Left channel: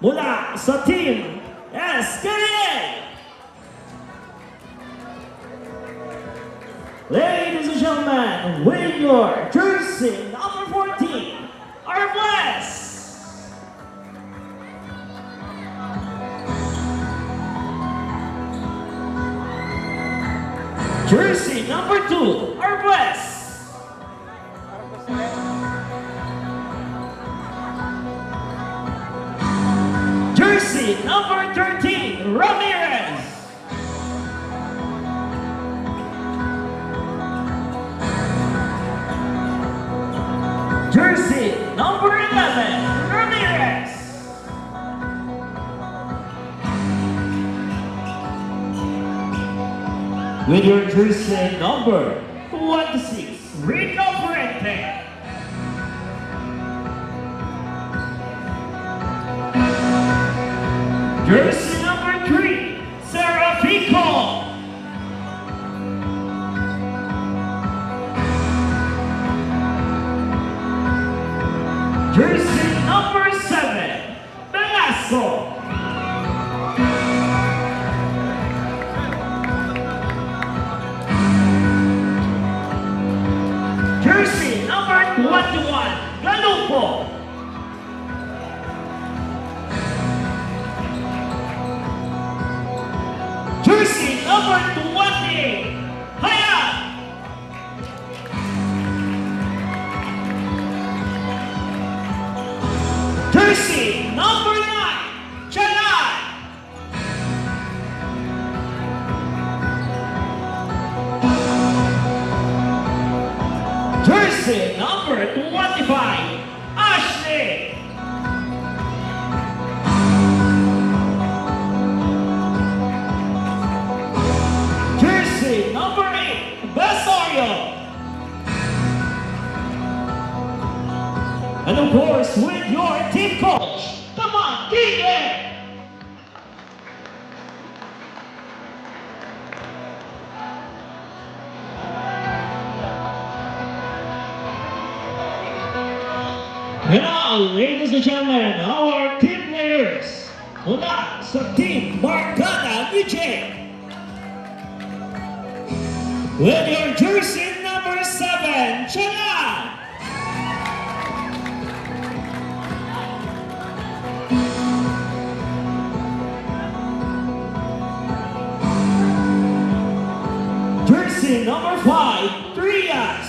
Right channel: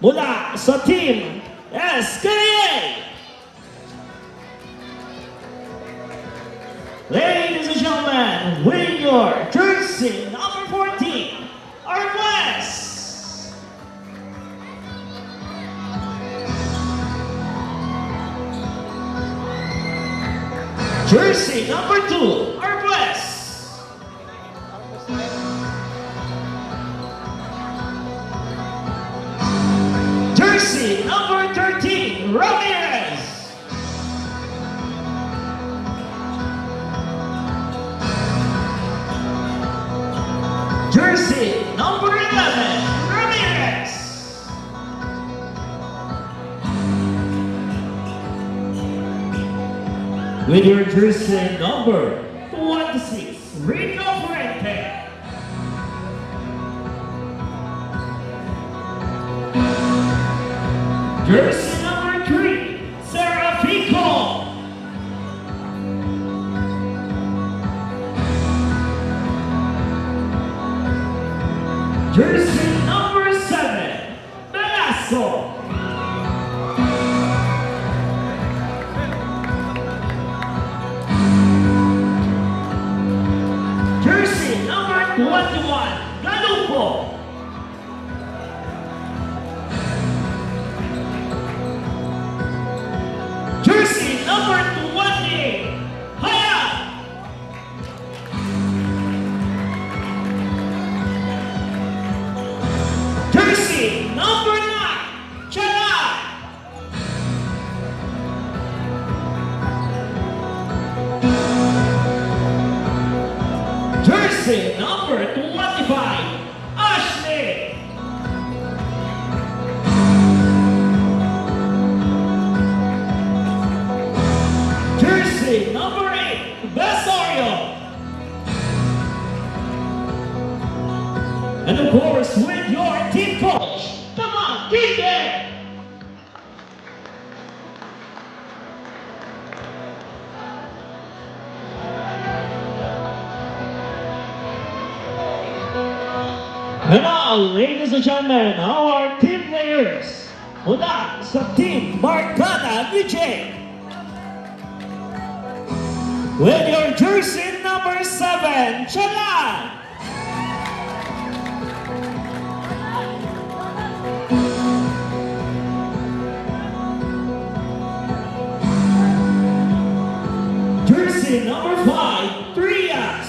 mula sa Team SKA. Ladies and gentlemen, with your jersey number 14, our West. Jersey number 2, our West. Jersey number 13, Ramirez. Jersey number 11, Ramirez. With your jersey number 26, Rico Fuente. Jersey number 3, Serafico. Jersey number 7, Velasco. Jersey number 21, Galupo. Jersey number 28, Hayat. Jersey number 9, Chalai. Jersey number 25, Ashley. Jersey number 8, Basorio. And of course, with your team coach, come on, kick it! And now, ladies and gentlemen, our team players mula sa Team Barkada VJ. With your jersey number 7, Chalai. Jersey number 5, Trias.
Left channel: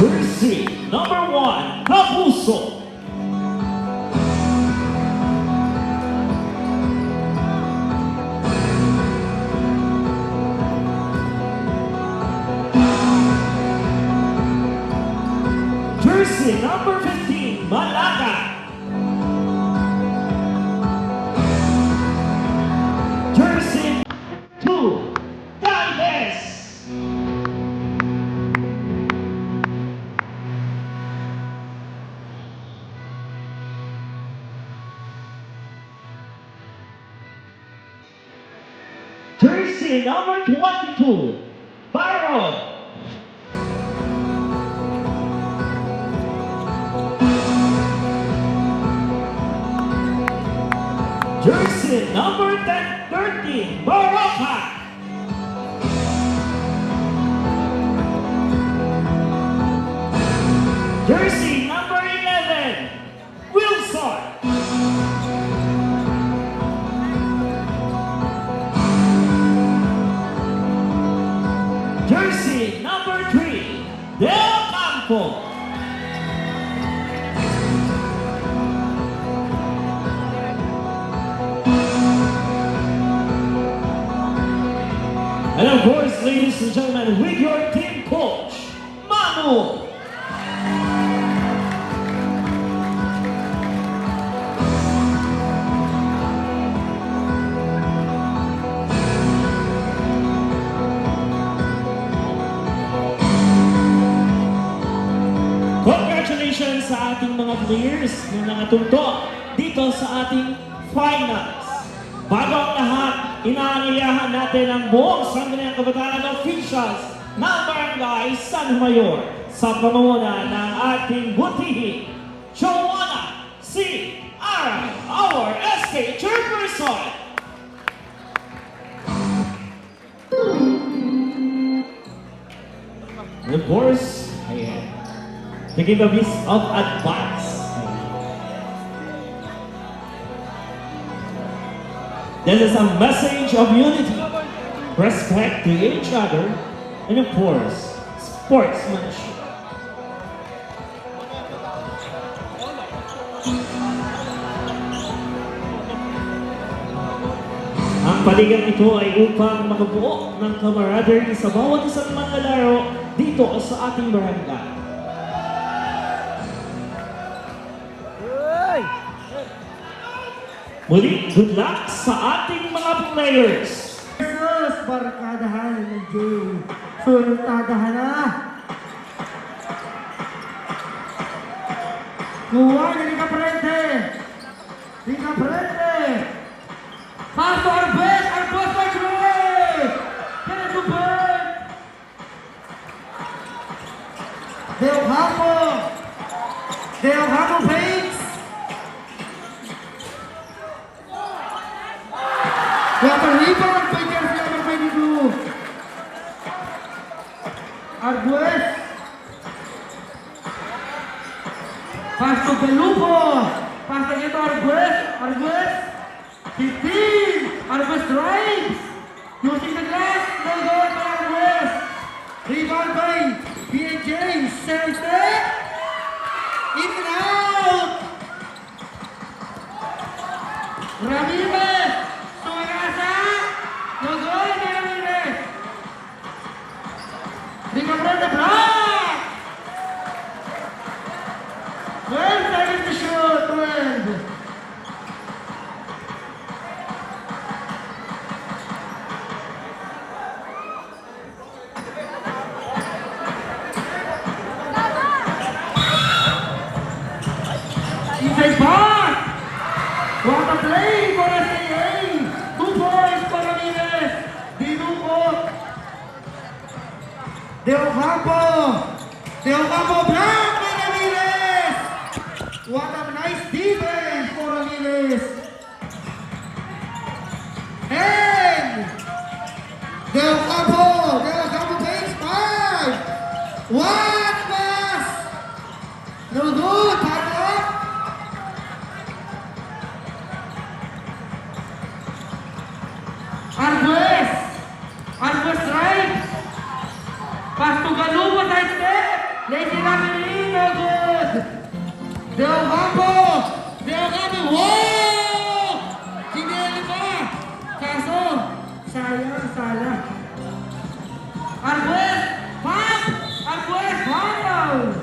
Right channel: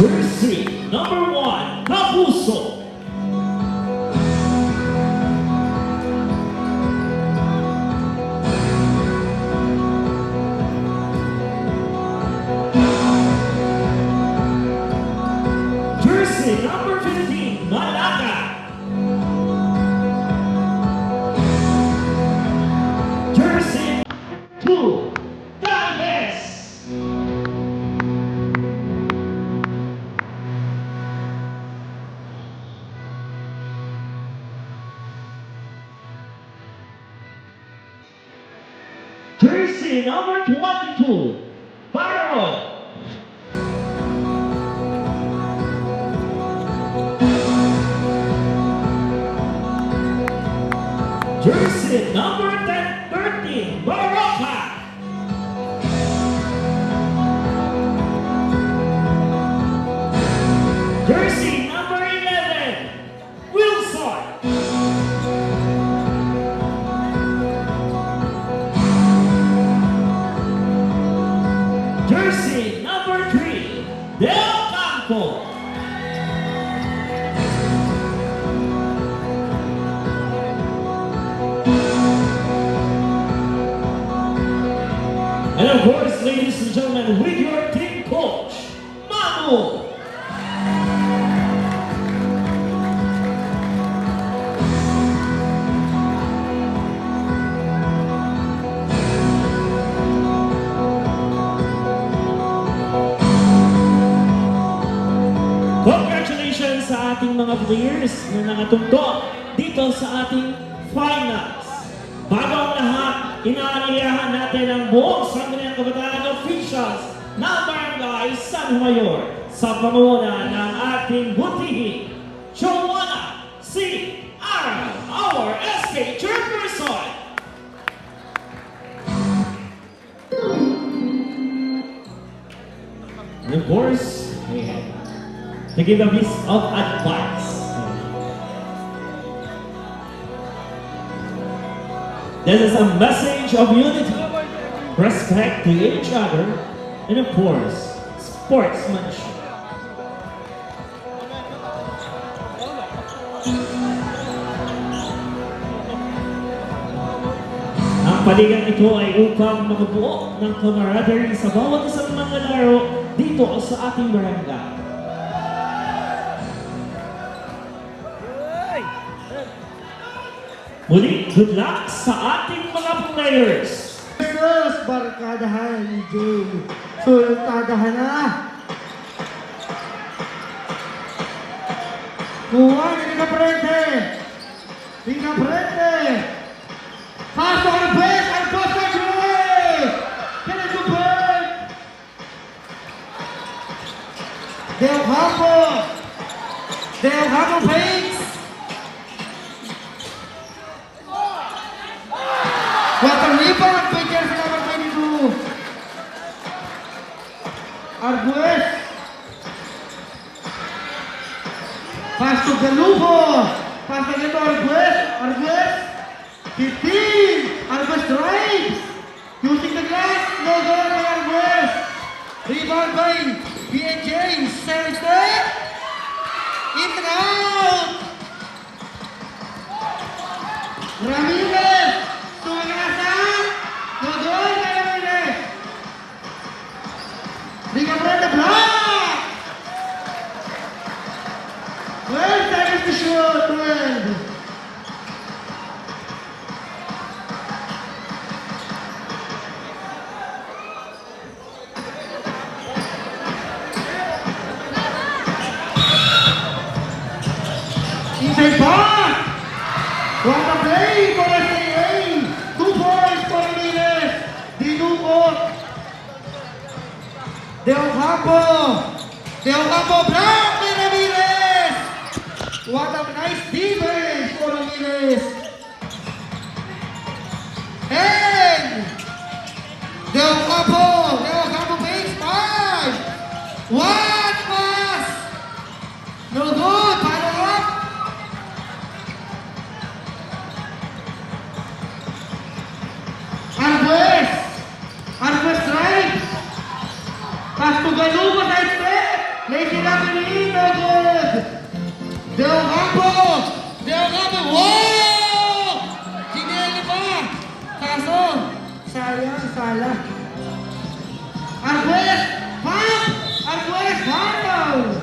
Jersey number 1, Kapuso. Jersey number 15, Malaga. Jersey 2, Galvez. Jersey number 22, Barro. Jersey number 13, Barroca. Jersey number 11, Wilson. Jersey number 3, Del Campo. And of course, ladies and gentlemen, with your team coach, Manu. Congratulations sa ating mga players na nakatungtong dito sa ating finals. Bago ang lahat, inaani natin ang buong Sangguniang Kabataan officials ng Barangay San Mayor sa pamumuno ng ating butihin, Joanna C. Aral, our SK Chairperson. And of course, to give a piece of advice. This is a message of unity, respect to each other, and of course, sportsmanship. Ang paligan ito ay upang makabuo ng camaraderie sa bawat isang mga laro dito sa ating barangay. Muli, good luck sa ating mga players! Versus Barkadahan ni Jay. Sultadahan na. Kuha ni Caprente. Ni Caprente. Paso al best. Al post na Jay. Kaya Jupin. Del Campo. Del Campo Paints. Water rebound by jersey number 22. Arguez. Pass to Galupo. Pass again to Arguez. Arguez. 15. Arguez drives. Using the glass. No goal by Arguez. Rebound by B.A. James. Center step. In and out. Ramirez. The block! Well, that is the shot, well. Inside pass! What a play for SKA! 2 points for Ramirez! Dinuco! Del Campo block ni Ramirez! What a nice defense for Ramirez! And Del Campo takes 5! What pass! No good! Para up! Arguez drives! Pass to Galupo, side step. Lazy referee, no good. Del Campo, wow! Sineli pa. Kaso, sayang, sala. Arguez, pass! Arguez, foul!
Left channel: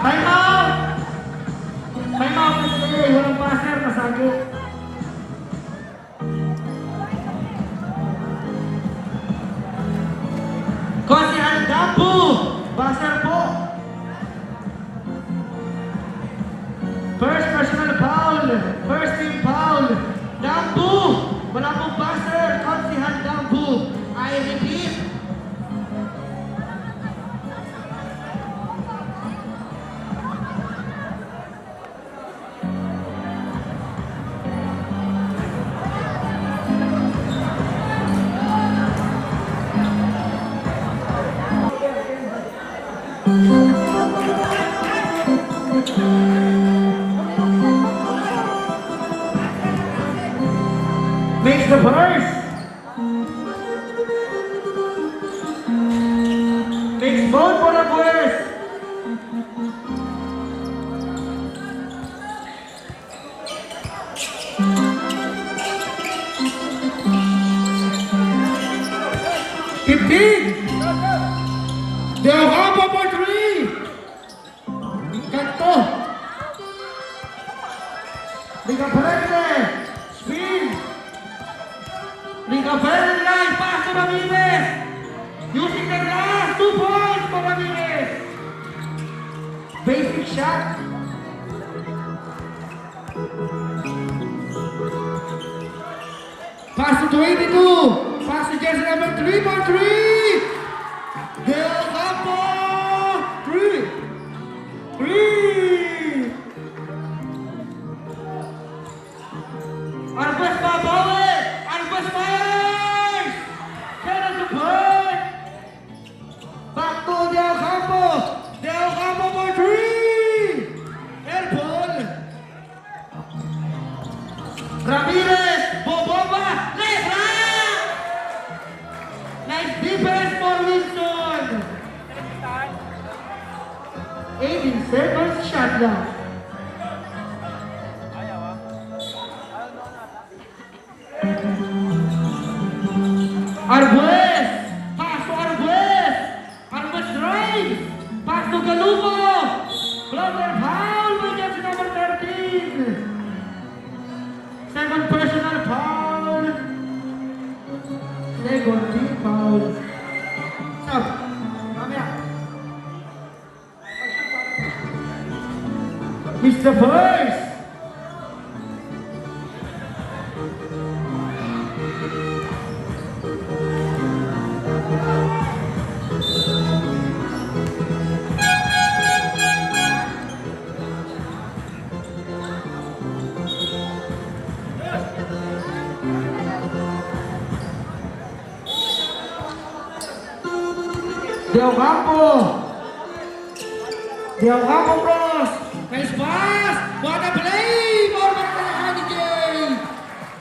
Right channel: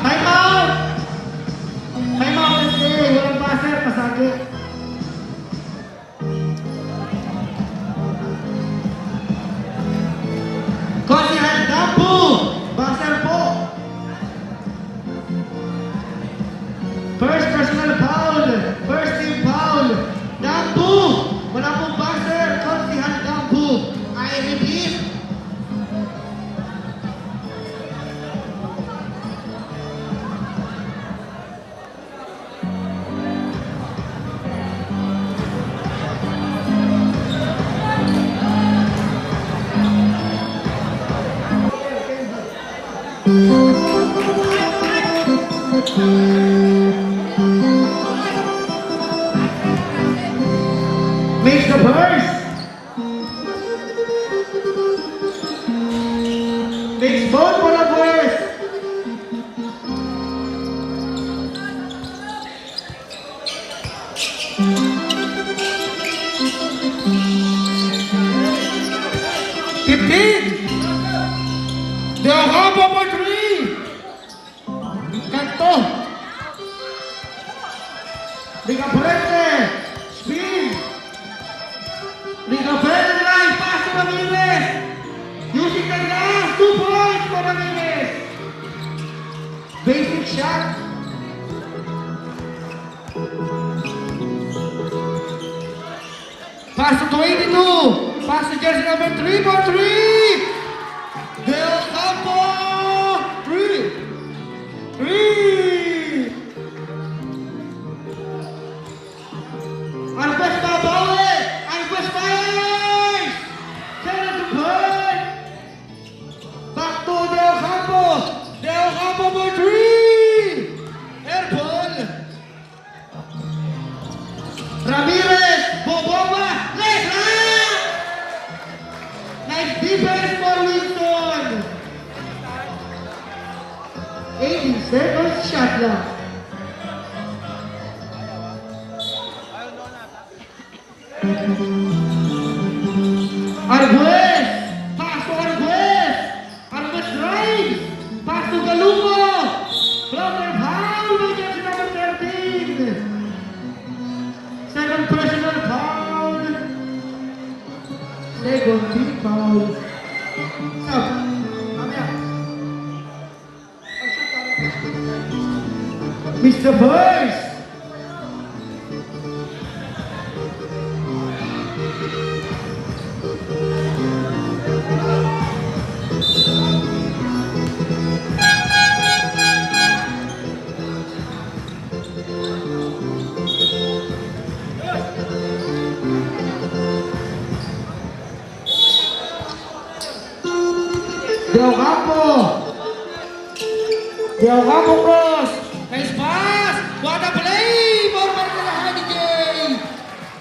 Time out! Kasi walang passer, masagi. Kosihan Dampu, buzzer po. First personal foul, first team foul. Dampu, wala pong buzzer, Kosihan Dampu. I repeat. Makes the first. Makes both for the first. Del Campo for 3. Canto. Liga Fuerte. Spin. Liga Fuerte line. Pass to Ramirez. Using the glass. 2 points for Ramirez. Basic shot. Pass to 22. Pass to jersey number 3 for 3. Del Campo. 3. 3. Arbas babawi. Arbas fires. Turn to play. Back to Del Campo. Del Campo for 3. Airport. Ramirez. Bobova. Letra. Nice defense for Wilson. 18 seconds shot lang. Arguez! Pass to Arguez! Arguez drives! Pass to Galupo! Blocker foul against number 13! Second personal foul! Second team foul! Sub! Mamaya! Mr. Burst! Del Campo! Del Campo cross! Nice pass! What a play! More para kay Hanigay!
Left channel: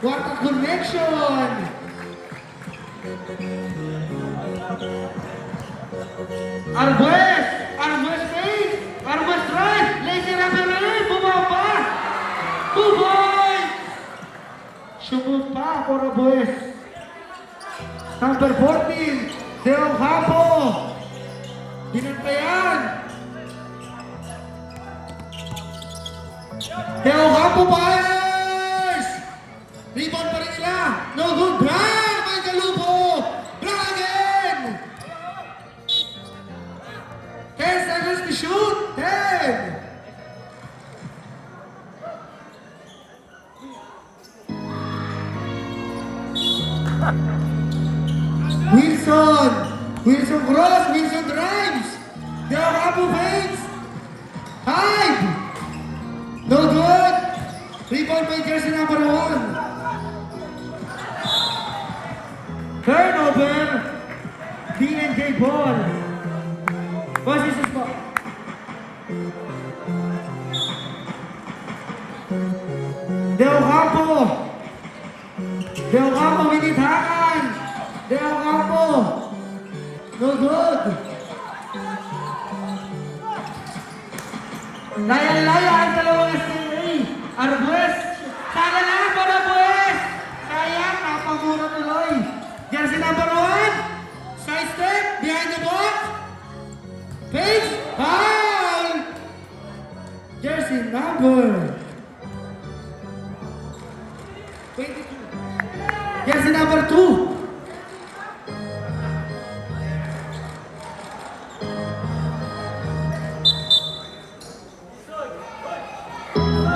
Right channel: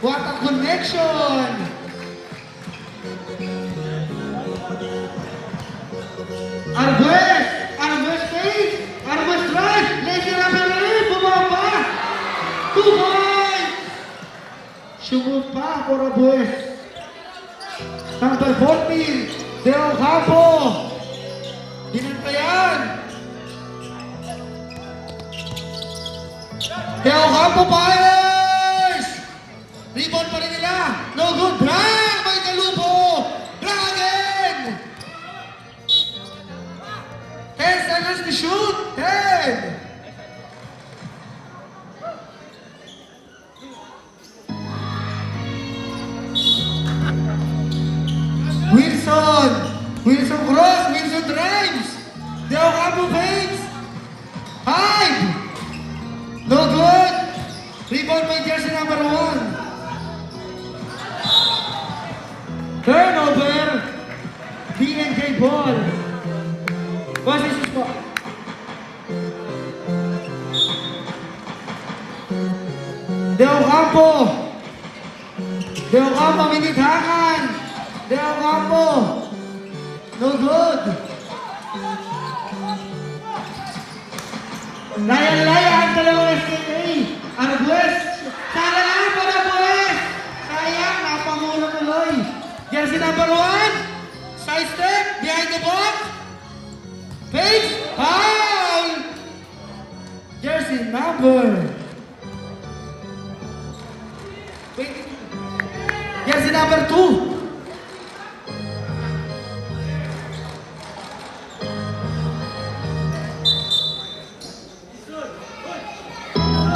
What a connection! Arguez! Arguez face! Arguez drive! Lazy Rapelay! Bumaba! 2 points! Sumot pa for Arguez! Number 14! Del Campo! Dinantayan! Del Campo fires! Rebound pa rin nila! No good! Drag! May Galupo! Drag again! 10 seconds to shoot! 10! Wilson! Wilson cross! Wilson drives! Del Campo fakes! 5! No good! Rebound by jersey number 1. Turnover! D&J ball. What's this spot? Del Campo! Del Campo minitakan! Del Campo! No good! Laya-laya ang dalawang STA! Arguez! Sayang lang para Arguez! Sayang! Napangulo tuloy! Jersey number 1! Side step! Behind the box! Face! Foul! Jersey number 22. Jersey number 2!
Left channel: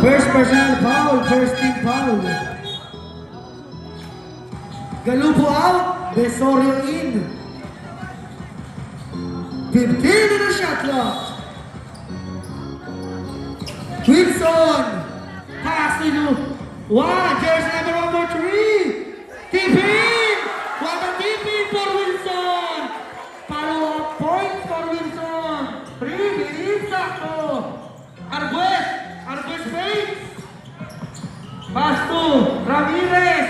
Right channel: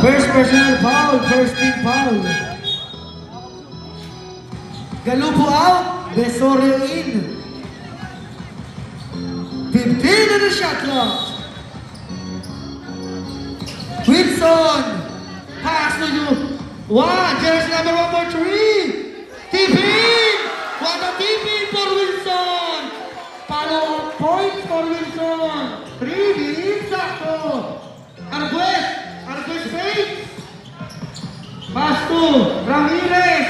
First personal foul, first team foul. Galupo out, Besorio in. 15 on the shot clock. Wilson, pass to you. Wow, jersey number 1 for 3. Tipping! What a tipping for Wilson! Follow-up point for Wilson. 3 minutes sakto. Arguez! Arguez fakes! Pass to Ramirez!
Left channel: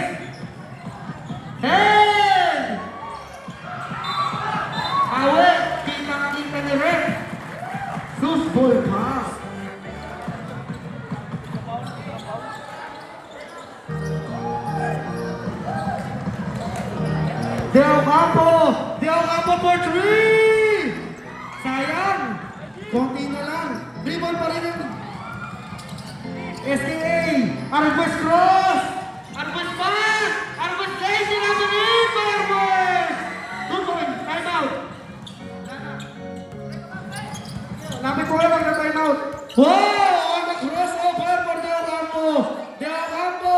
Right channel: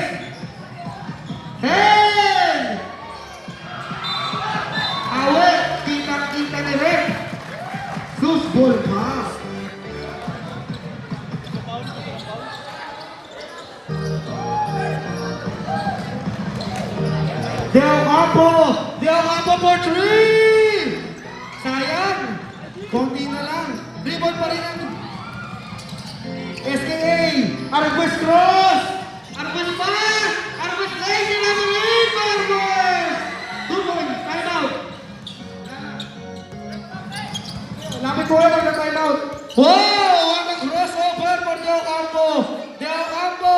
10! Awet! Kita-kita direct! Loose ball pass! Del Campo! Del Campo for 3! Sayang! Konti na lang. Rebound pa rin ang SKA! Arguez cross! Arguez pass! Arguez lazy number 8 for Arguez! Good boy! Time out! Lapit ko lang na time out! Wow! Ang crossover for Del Campo! Del Campo!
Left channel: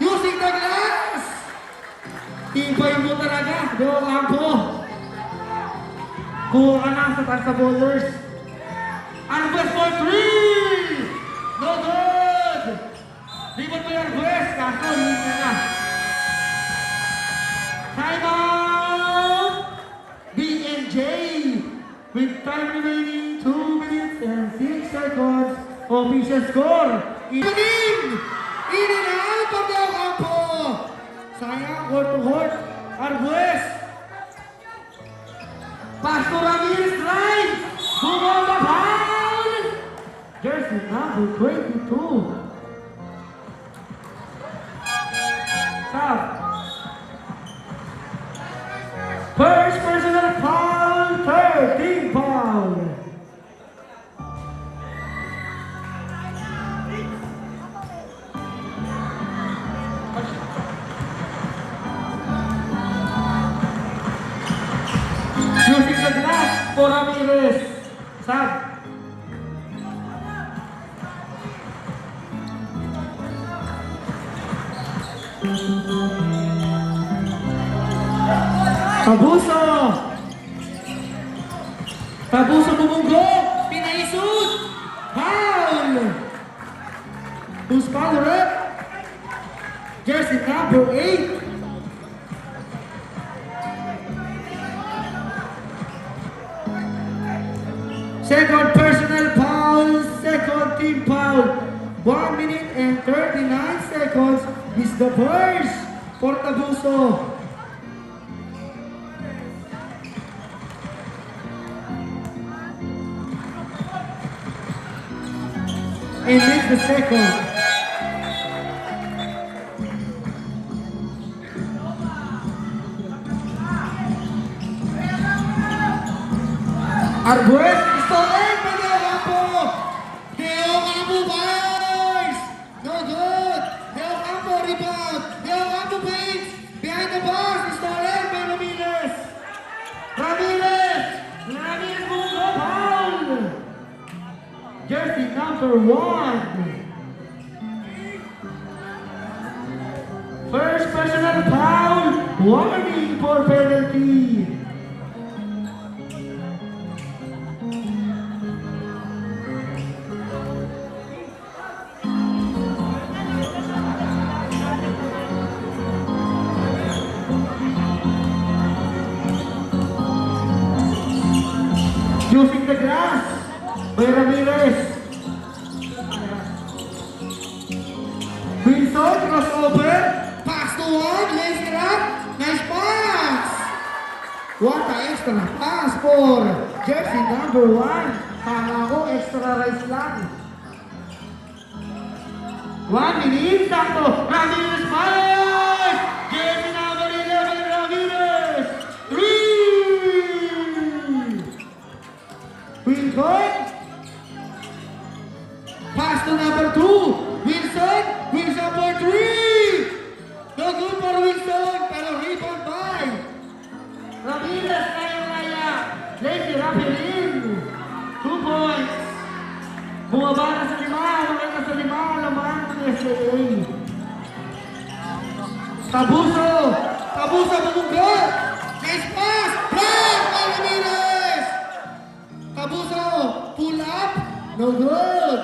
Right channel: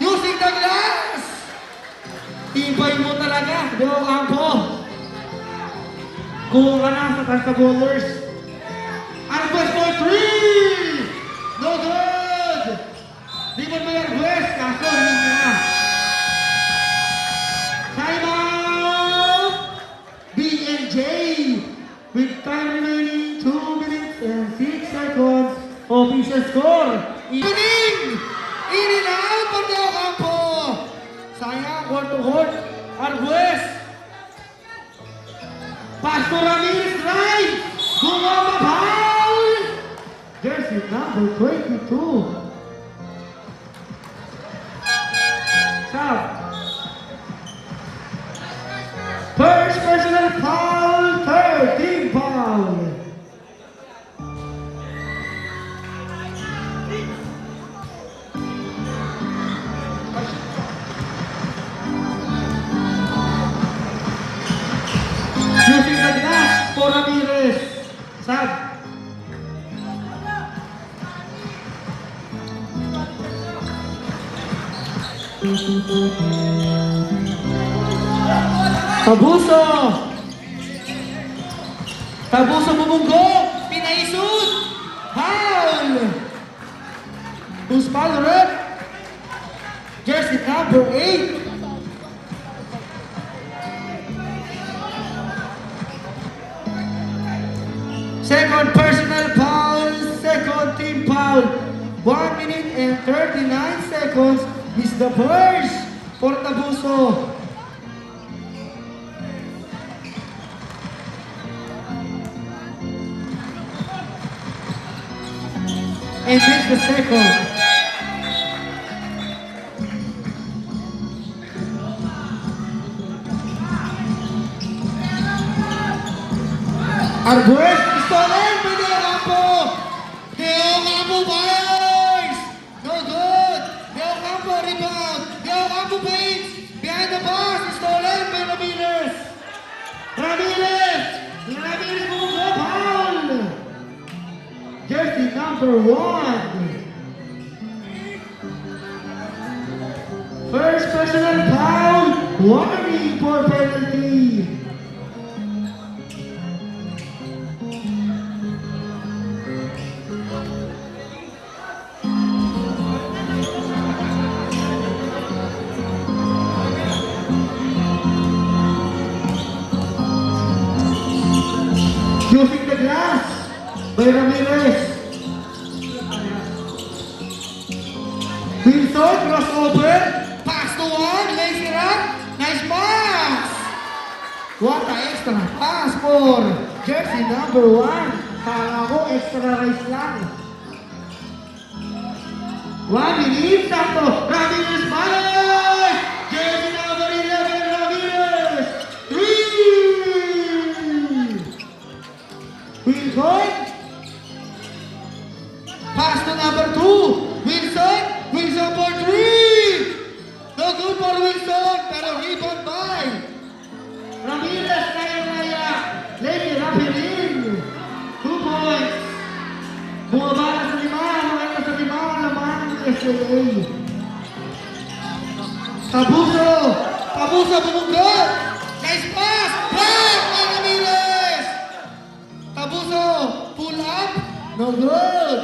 Using the glass! Kuha ka na sa taas sa bowlers. Arguez for 3! No good! Rebound by Arguez, kaso hindi na. Time out! B&J with time remaining 2 minutes and 6 seconds. Official score. Ining! Ining out para daw kampo. Sayang, court to court. Arguez. Pass to Ramirez, right. Bumaba, foul. Jersey number 22. Sub. First personal foul, 13 foul. Using the glass for Ramirez. Sub. Tabuso. Tabuso bumunggo. Pinaisut. Foul. Who's foul, rep? Jersey number 8. Second personal foul, second team foul. 1 minute and 39 seconds is the first for Tabuso. And this the second. Arguez, Stolen, Deo Campo. Deo Campo fires. No good. Deo Campo rebound. Deo Campo paints. Behind the box, Stolen by Ramirez. Ramirez. Ramirez Bungo foul. Jersey number 1. First personal foul. Warning for penalty. Using the glass by Ramirez. Wilson, crossover, pass to one, lazy run, nice pass! What a extra pass for jersey number 1. Kala extra rice lang. 1 minute, sakto, Ramirez fires! Jersey number 11, Ramirez! 3! Wilson. Pass to number 2. Wilson. Wilson for 3. No good for Wilson. Pero rebound by Ramirez. Kaya. Lady Rapirin. 2 points. Bumaba na sa 5. Bumaba na sa 5. Laman ng SAA. Tabuso. Tabuso bumunggo. Nice pass. Block by Ramirez. Tabuso, pull up, no good.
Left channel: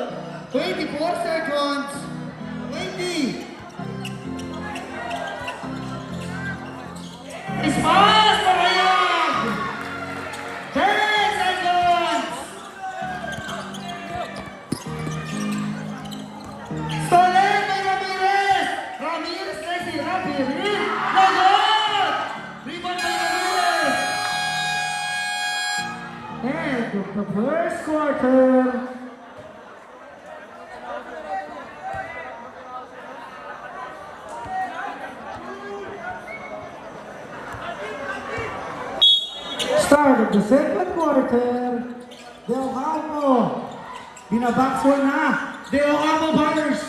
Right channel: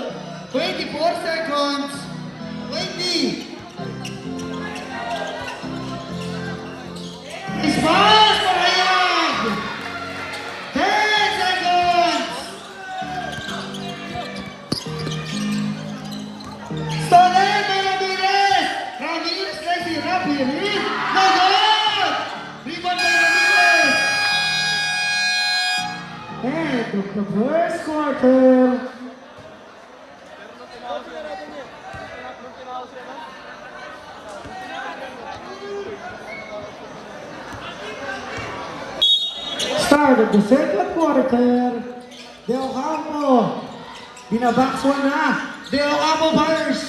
24 seconds. 20. It's fast for Rayag. 10 seconds. Stolen by Ramirez. Ramirez lazy Rapirin. No good. Rebound by Ramirez. And the first quarter. Start of the second quarter. Deo Campo. Binabakso na. Deo Campo fires.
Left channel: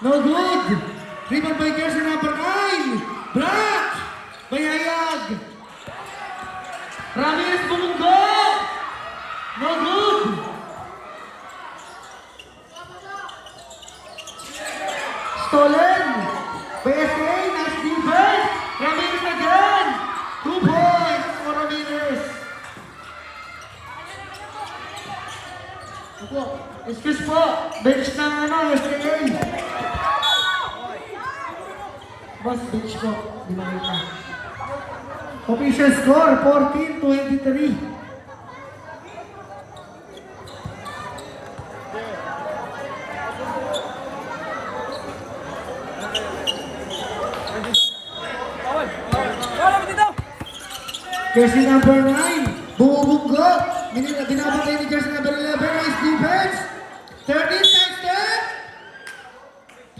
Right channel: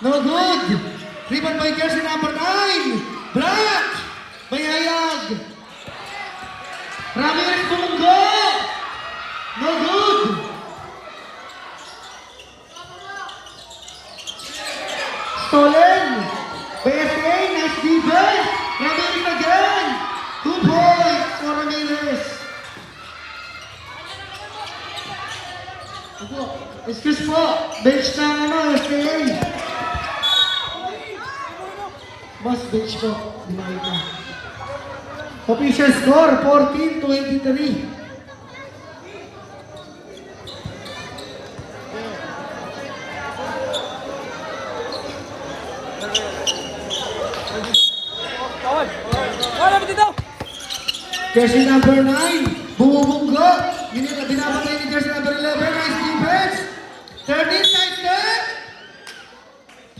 No good. Rebound by jersey number 9. Block by Hayag. Ramirez bumunggo. No good. Stolen. PSA, nice defense. Ramirez again. 2 points for Ramirez. Excuse po. Bench na naman, STA. Boss, bench po. Di makita. Official score, 14-23. Jersey number 9, bumubunggo. Binabagay ni jersey number 11, nice defense. 13 times that.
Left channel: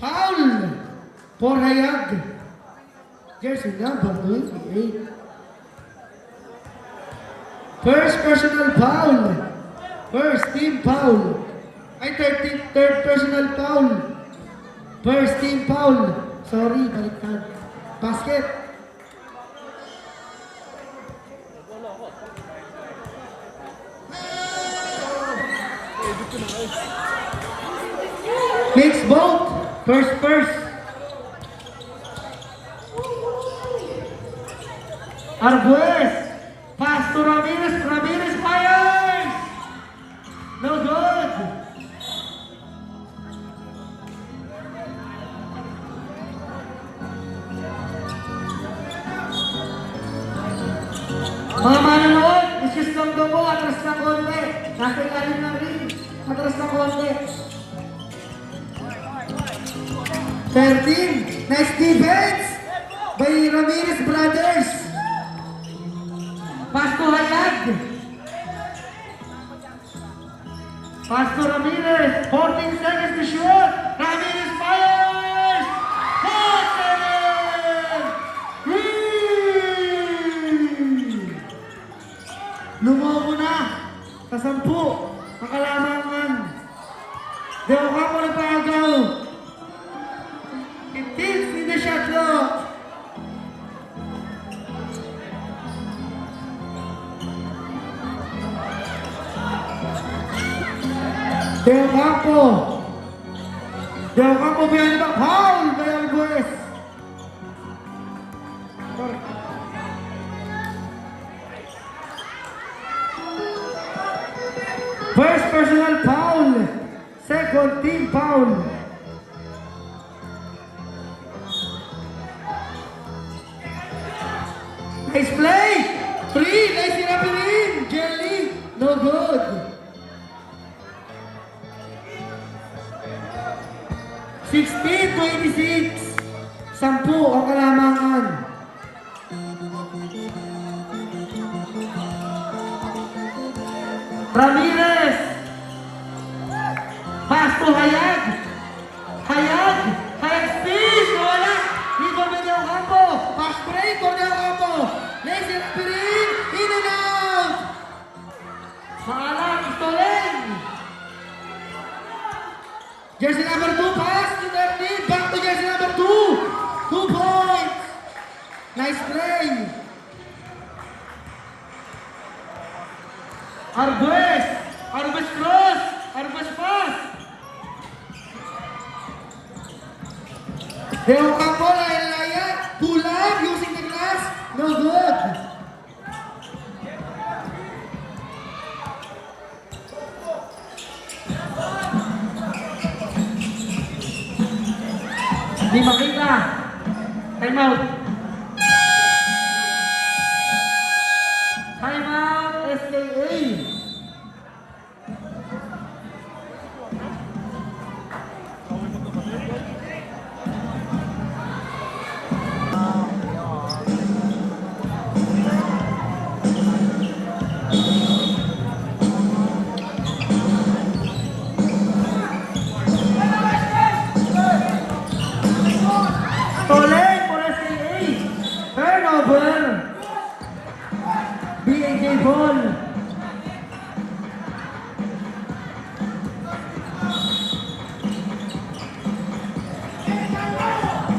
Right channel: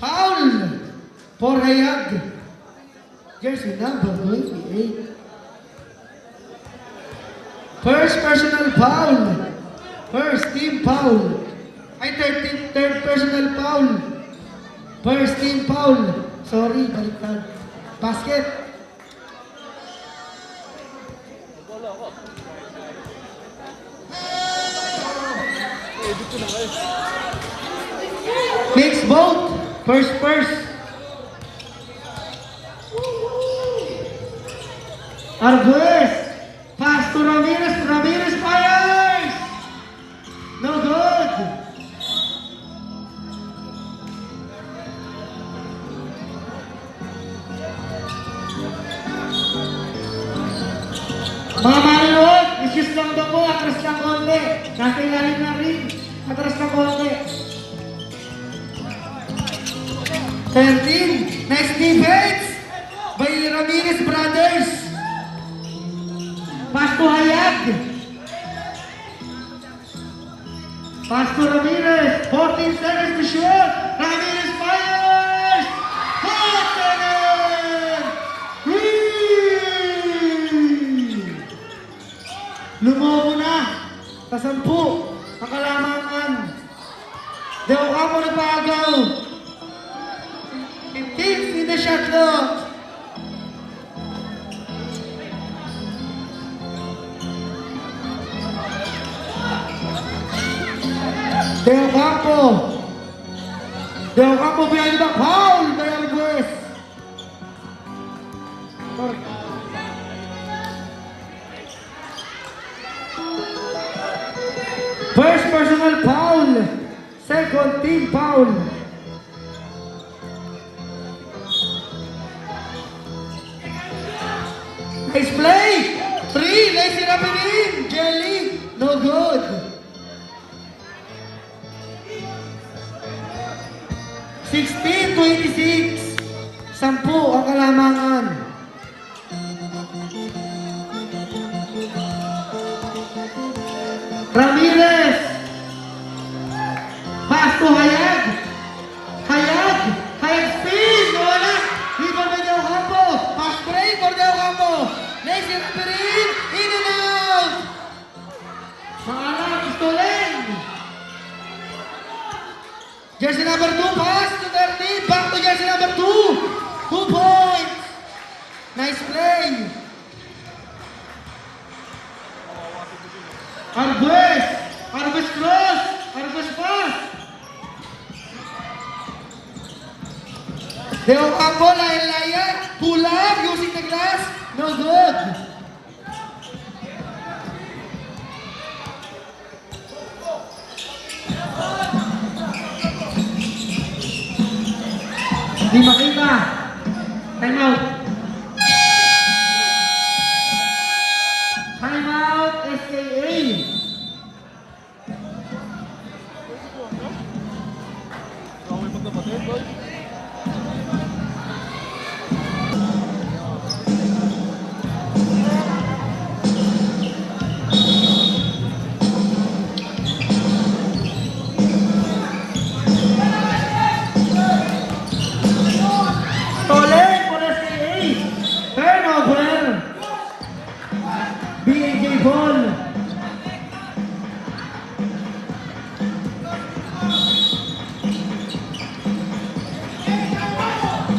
Foul for Hayag. Jersey number 28. First personal foul. First team foul. Third personal foul. First team foul. Sorry, baliktad. Basket. Mix both. First. Arguez. Pass to Ramirez. Ramirez fires. No good. Mga manunod, isis lang daw mo. Atras lang konti. Natin na rin. Atras lang konti. 13. Nice defense by Ramirez brothers. Pass to Hayag. Pass to Ramirez. 14 seconds to shoot. Ramirez fires. Hot seven. Lumobo na. Kasampu. Nakalamangan. Dewa ka mo na paagaw. 15 in the shot clock. Del Campo behind the foul by Arguez. First personal foul. Second team foul. Nice play. 3. Nice Rapinin. Jelly. No good. 16-26. 10 ang kalamangan. Ramirez. Pass to Hayag. Hayag speed. Wala. Dito may Del Campo. Pass break for Del Campo. Nice Rapinin. In and out. Pangalan, Stolen. Jersey number 2, pass to Derby. Back to jersey number 2. 2 points. Nice play. Arguez cross. Arguez pass. Del Campo, Laya. Pull up using the glass. No good. Di makita. Time out. Time out, SKA.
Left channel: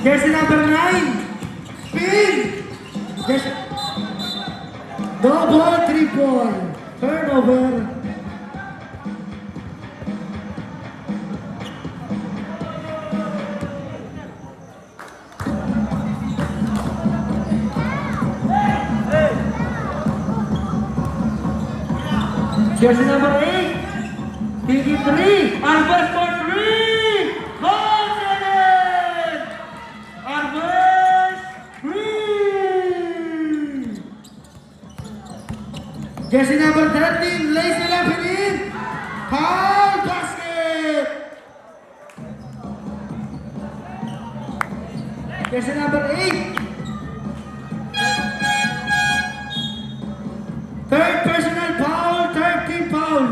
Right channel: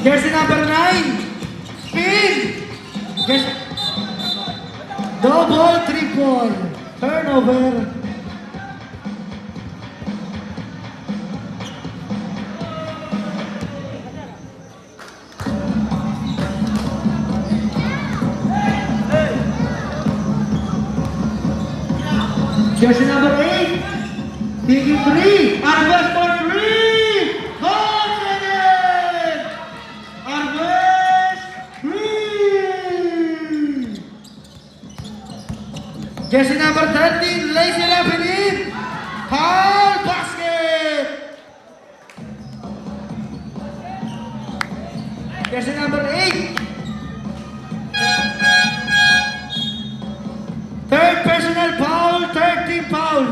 Jersey number 9. Spin. Double triple. Turnover. Jersey number 8. Big you three. Arbes for three. Goal again. Arbes three. Jersey number 13, Lacey Lapinin. Foul basket. Jersey number 8. Third personal foul, third team foul.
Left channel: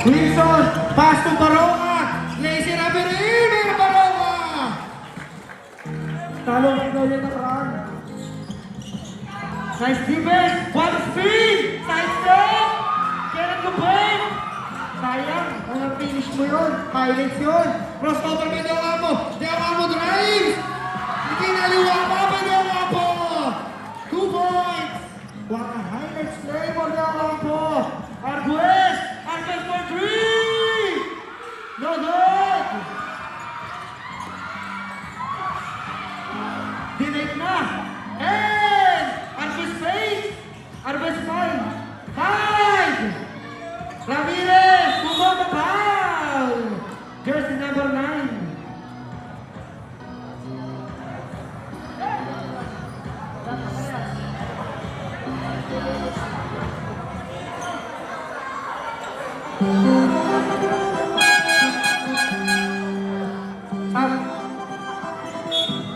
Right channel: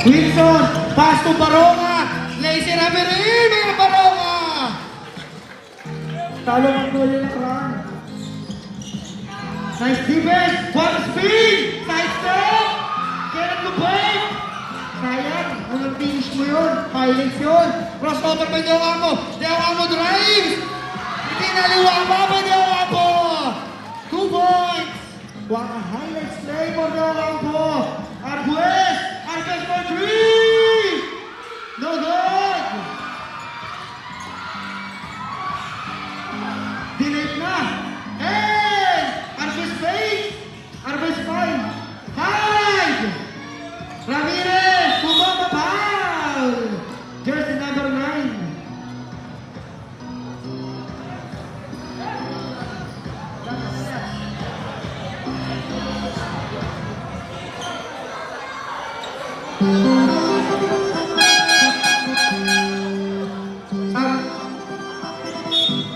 Wilson, pass to Baronga. Lazy Rabirin, Mira Baronga. Talo mo na yung run. Nice defense, one speed, side step. Kenneth Lubay. Sayang, walang finish mo yun. Highlights yun. Crossover kay Deo Ampo. Deo Ampo drives. Hindi naliwa pa ba Deo Ampo? 2 points. What a highlights play for Deo Ampo. Arguez. Arguez for 3. No good. Dinate na. And Arguez plays. Arguez 5. Ramirez, Kumama foul. Jersey number 9.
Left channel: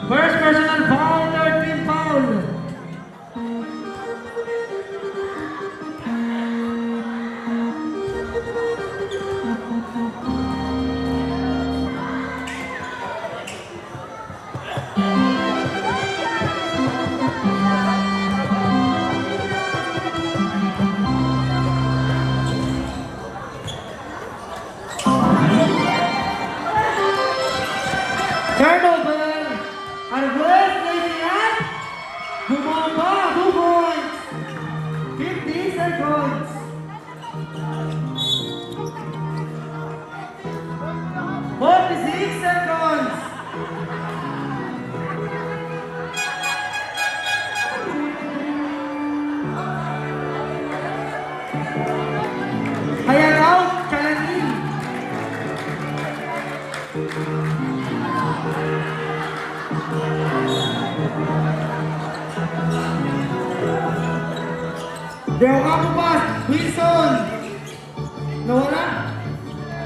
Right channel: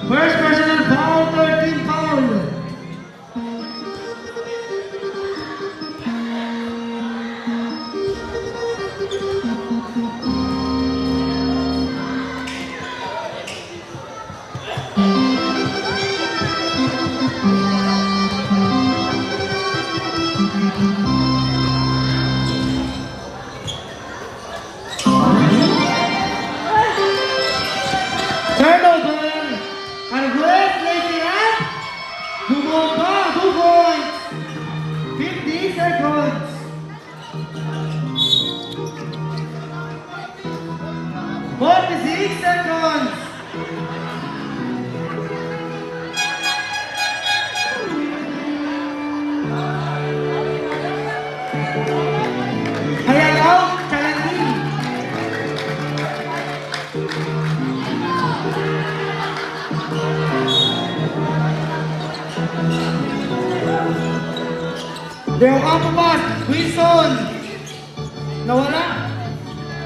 First personal foul, 13 foul. Turnover. Arguez, Lady up. Gumaba, 2 points. 50 seconds. Forty-six seconds. Hayalaw, Charlie. Deo Ampo pass, Wilson. Nawala.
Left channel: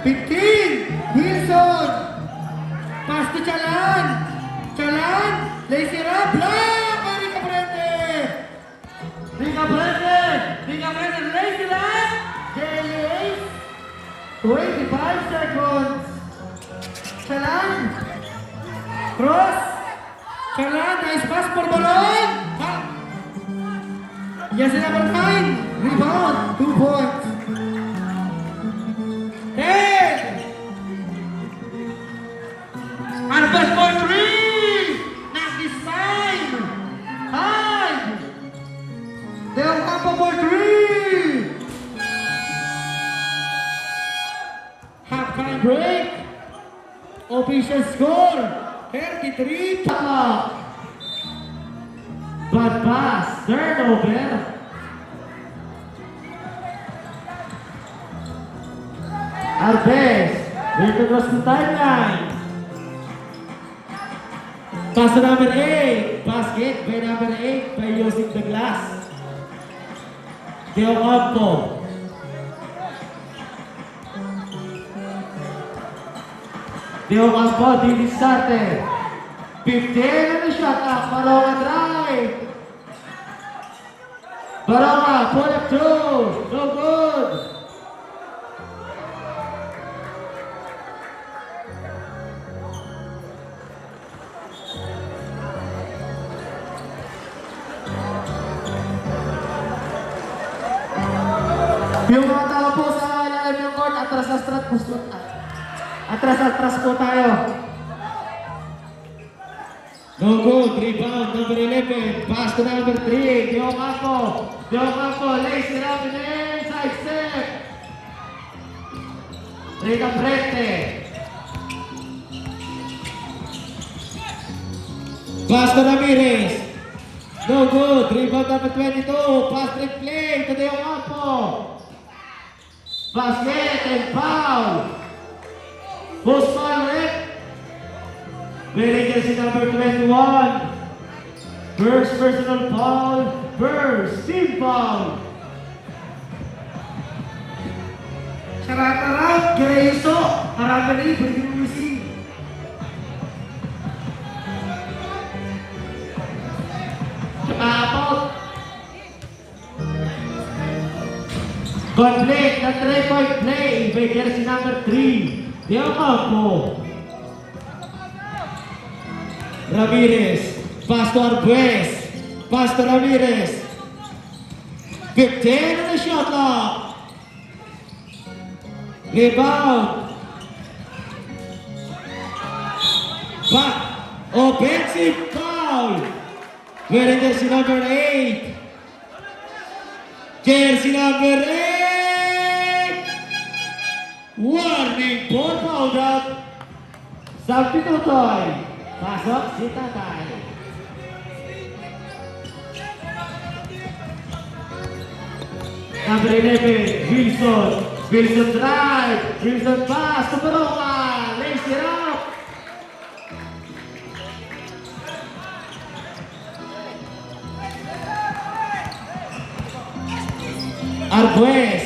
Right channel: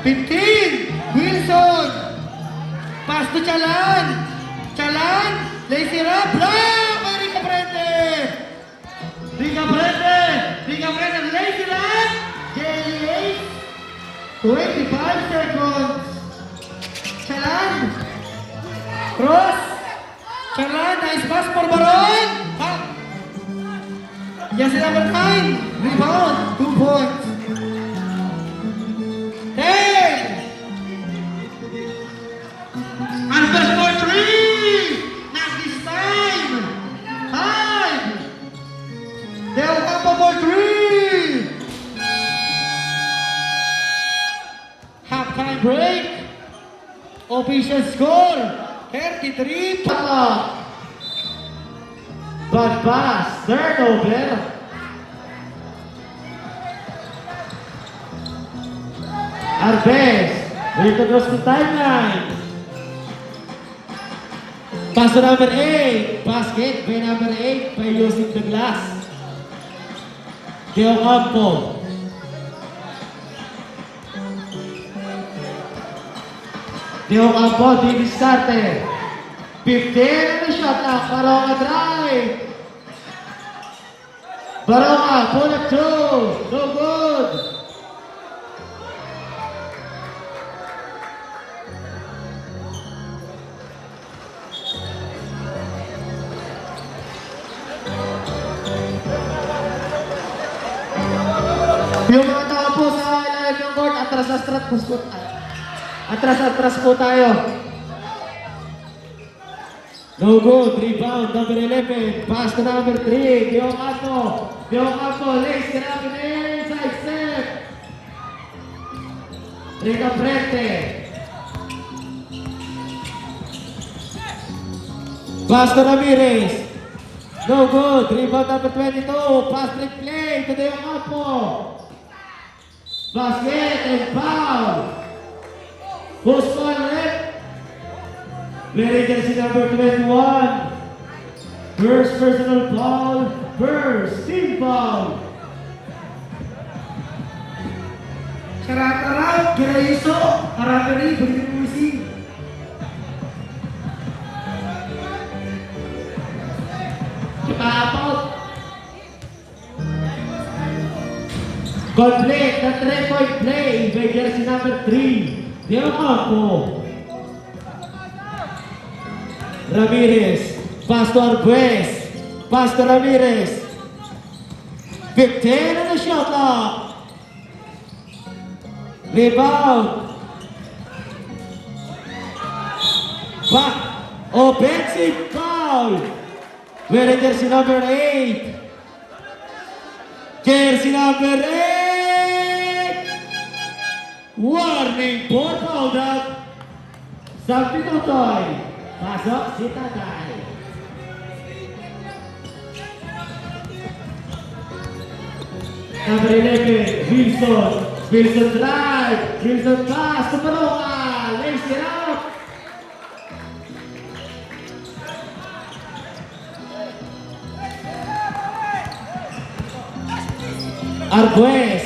15, Wilson. Pass to Chalan. Chalan, Lacy Rap, block! Rica Brende. Rica Brende, Lacy Rap. JLA, 25 seconds. Chalan. Cross. Chalan, nice pass for Baron. Yes, number 9. Rebound, 2 points. 10. Arbes for 3. Not this time. 5. Deo Ampo for 3. Halftime break. Official score 33. Bad pass, turnover. Arbes, dito na sa timeline. Pass to number 8, basket by number 8 by Yosip the Glass. Deo Ampo. Deo Ampo, di started. 15 and a shot up, Baronga drive. Baronga, pull up 2, no good. Yung mga tao po sa ilalim ng court, atras po tayo. No good. Rebound, number 11. Pass to number 3. Deo Campo. Deo Campo lays it up in the inside step. Rita Prete. Pass to Ramirez. No good. Rebound number 22. Pass trick play to Deo Campo. Basket and foul. Who's foul it? Very jersey number 21. First personal foul. First team foul. Sarap-sarap, Kiraiso, harapan ni Berikin Musi. Out. Complete the 3-point play by jersey number 3. Deo Campo. Ramirez. Pass to Arguez. Pass to Ramirez. 15 on the shot clock. Rebound. Back. Offensive foul. Wearing jersey number 8. Jersey number 8. Warning ball fouled up. Sabi ko tayo. Pasok si Tatay. Number 11, Wilson. Wilson drive. Wilson pass to Baroka. Lays it up. Arguez.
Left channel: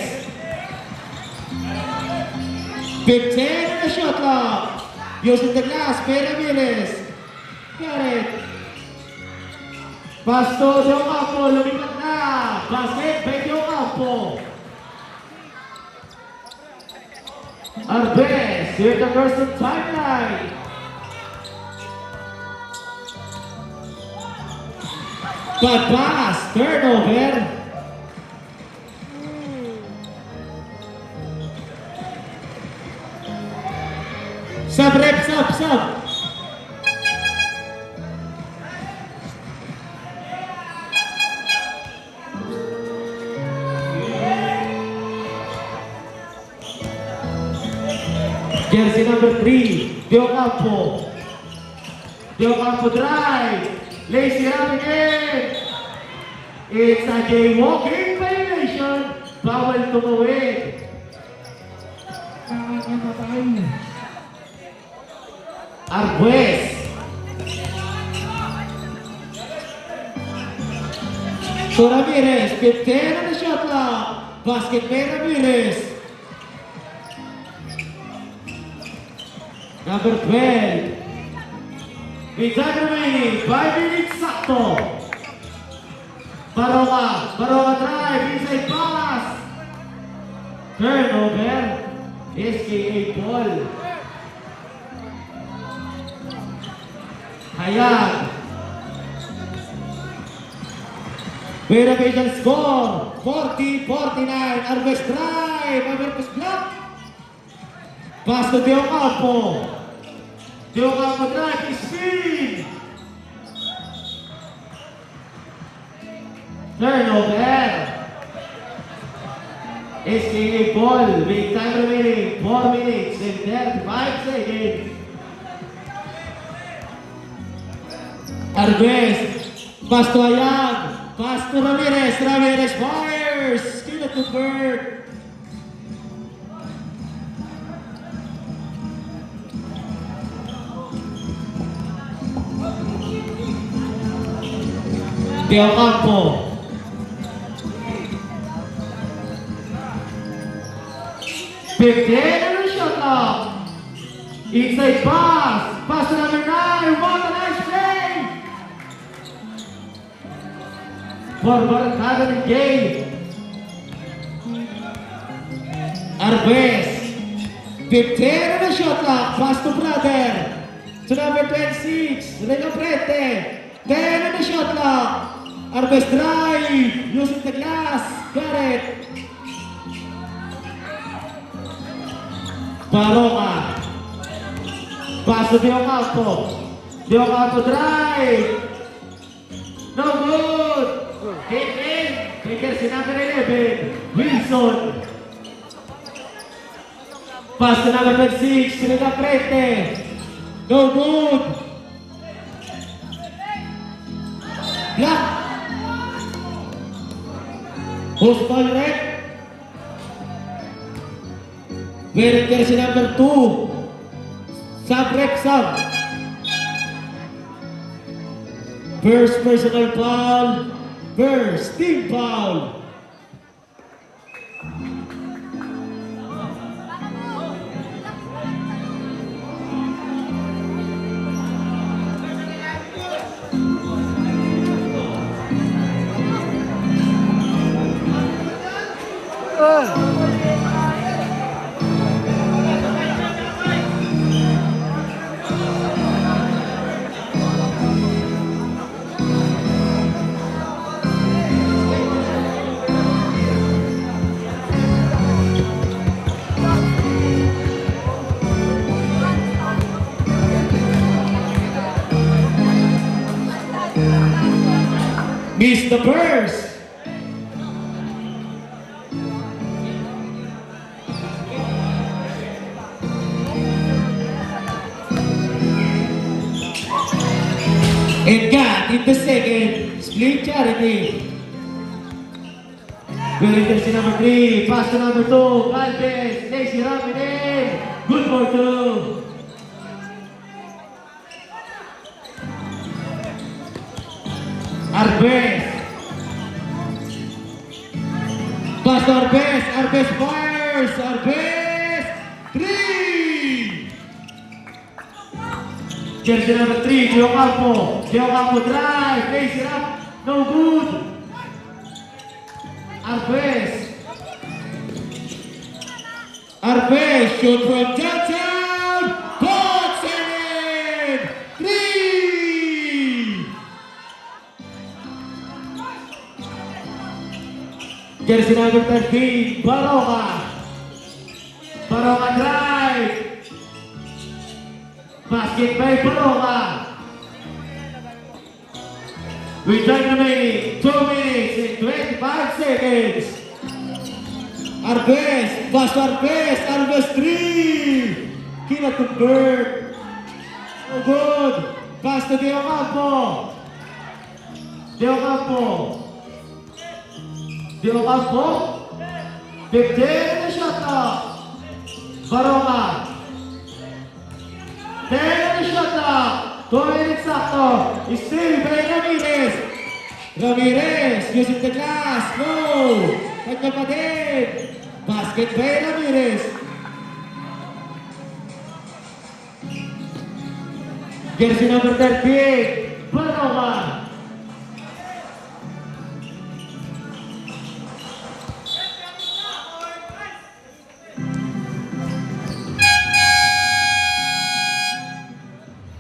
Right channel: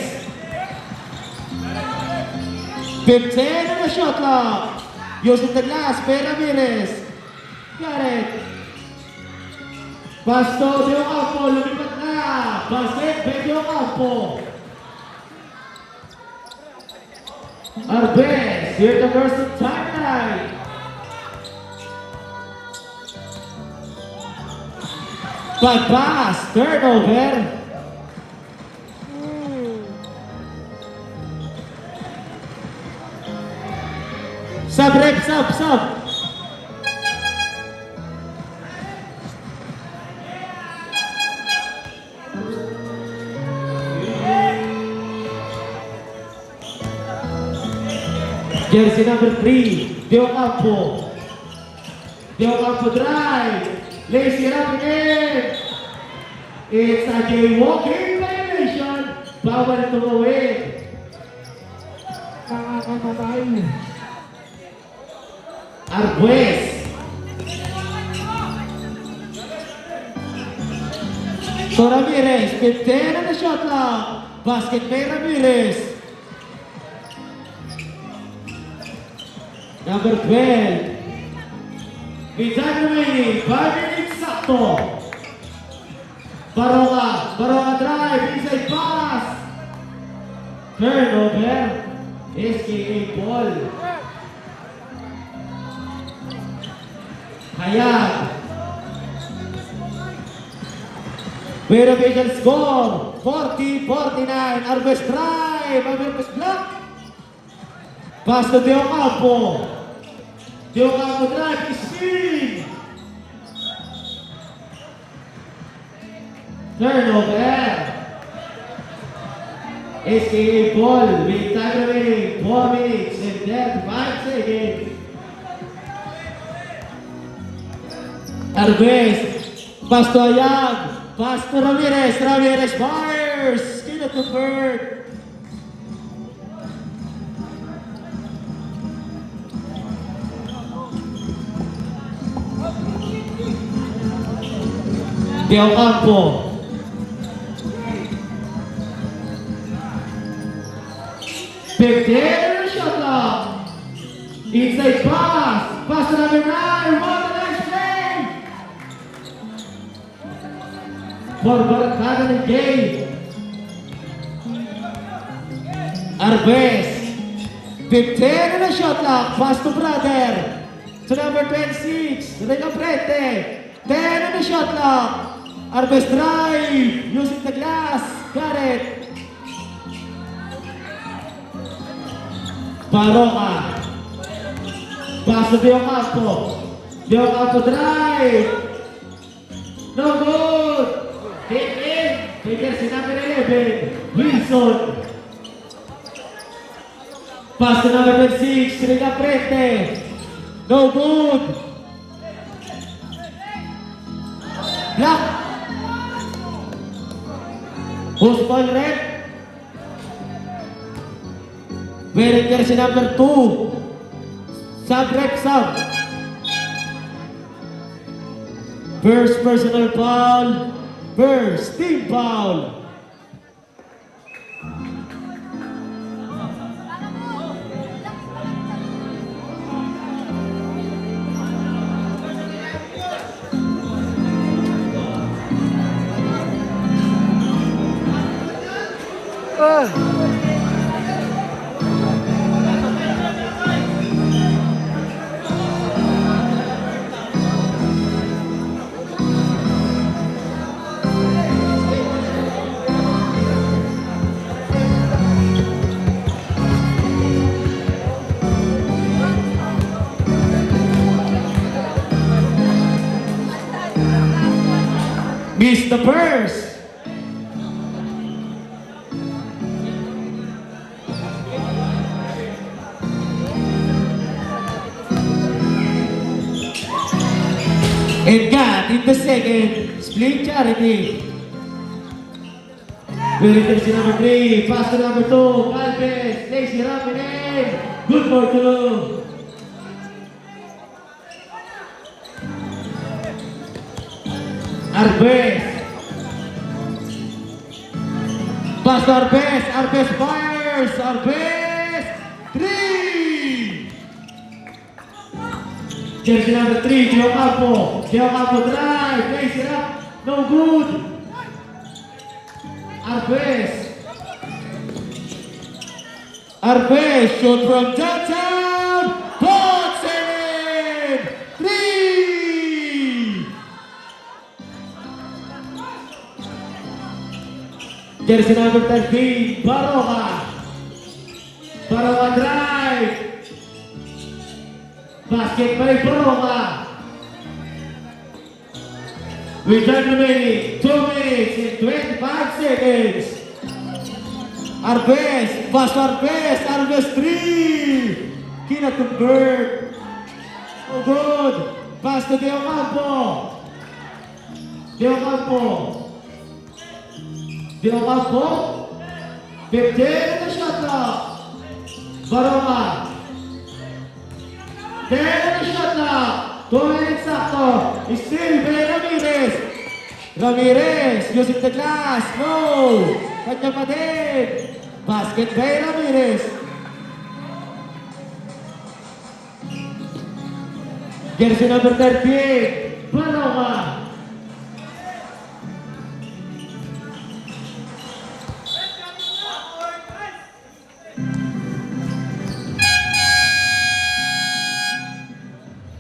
15 on the shot clock. Using the glass, Pay Ramirez. Got it. Pass to Deo Campo, lumipat na. Basket, by Deo Campo. Arguez, here the first timeline. Bad pass, turnover. Sub rep, sub. Jersey number 3, Deo Campo. Deo Campo drive. Lays it up again. It's a jaywalking violation. Bawal tumawid. Arguez. So Ramirez, 15 on the shot clock. Basket by Ramirez. Number 12. With time remaining, 5 minutes sakto. Baroka drive, inside pass. Turnover. SKA ball. Hayag. Pero Vision score, 40-49. Arguez drive, Arguez block. Pass to Deo Campo. Deo Campo drive, spin. Turnover. SKA ball with time remaining 4 minutes and 35 seconds. Arguez, pass to Hayag, pass to Ramirez. Ramirez fires. Still at the bird. Deo Campo. Big the shot clock. Inside pass. Pass to number 9. What a nice play. For Barakada and Gay. Arguez. 15 on the shot clock. Pass to brother. To number 26. Rita Prete. 10 on the shot clock. Arguez drive. Using the glass. Got it. Baroka. Pass to Deo Campo. De Ocampo drive. No good. Hit in. May jersey number 11. Wilson. Pass to number 26. Rega Prete. No good. Block. Post ball red. Wearing jersey number 2. Sub-rep sub. First personal foul. First team foul. Miss the first. And got in the second, split charity. Wearing jersey number 3, pass to number 2, Valdez, Lacy Ramirez. Good for 2. Arbes. Pass to Arbes. Arbes fires. Arbes. 3. Jersey number 3, Gio Campo. Gio Campo drive. Face it up. No good. Arbes. Arbes shoot from downtown. Box in. 3. Jersey number 13, Baroka. Baroka drive. Basket by Baroka. With time remaining 2 minutes and 25 seconds. Arbes, pass to Arbes. Arbes 3. Cannot convert. So good. Pass to Deo Campo. Deo Campo. Deo Campo. 15 na shot clock. Baroka. 10 na shot clock. 2 minutes sakto. Still Ben Ramirez. Ramirez using the glass. No. Kanya pa din. Basket by Ramirez. Jersey number 13. Baroka.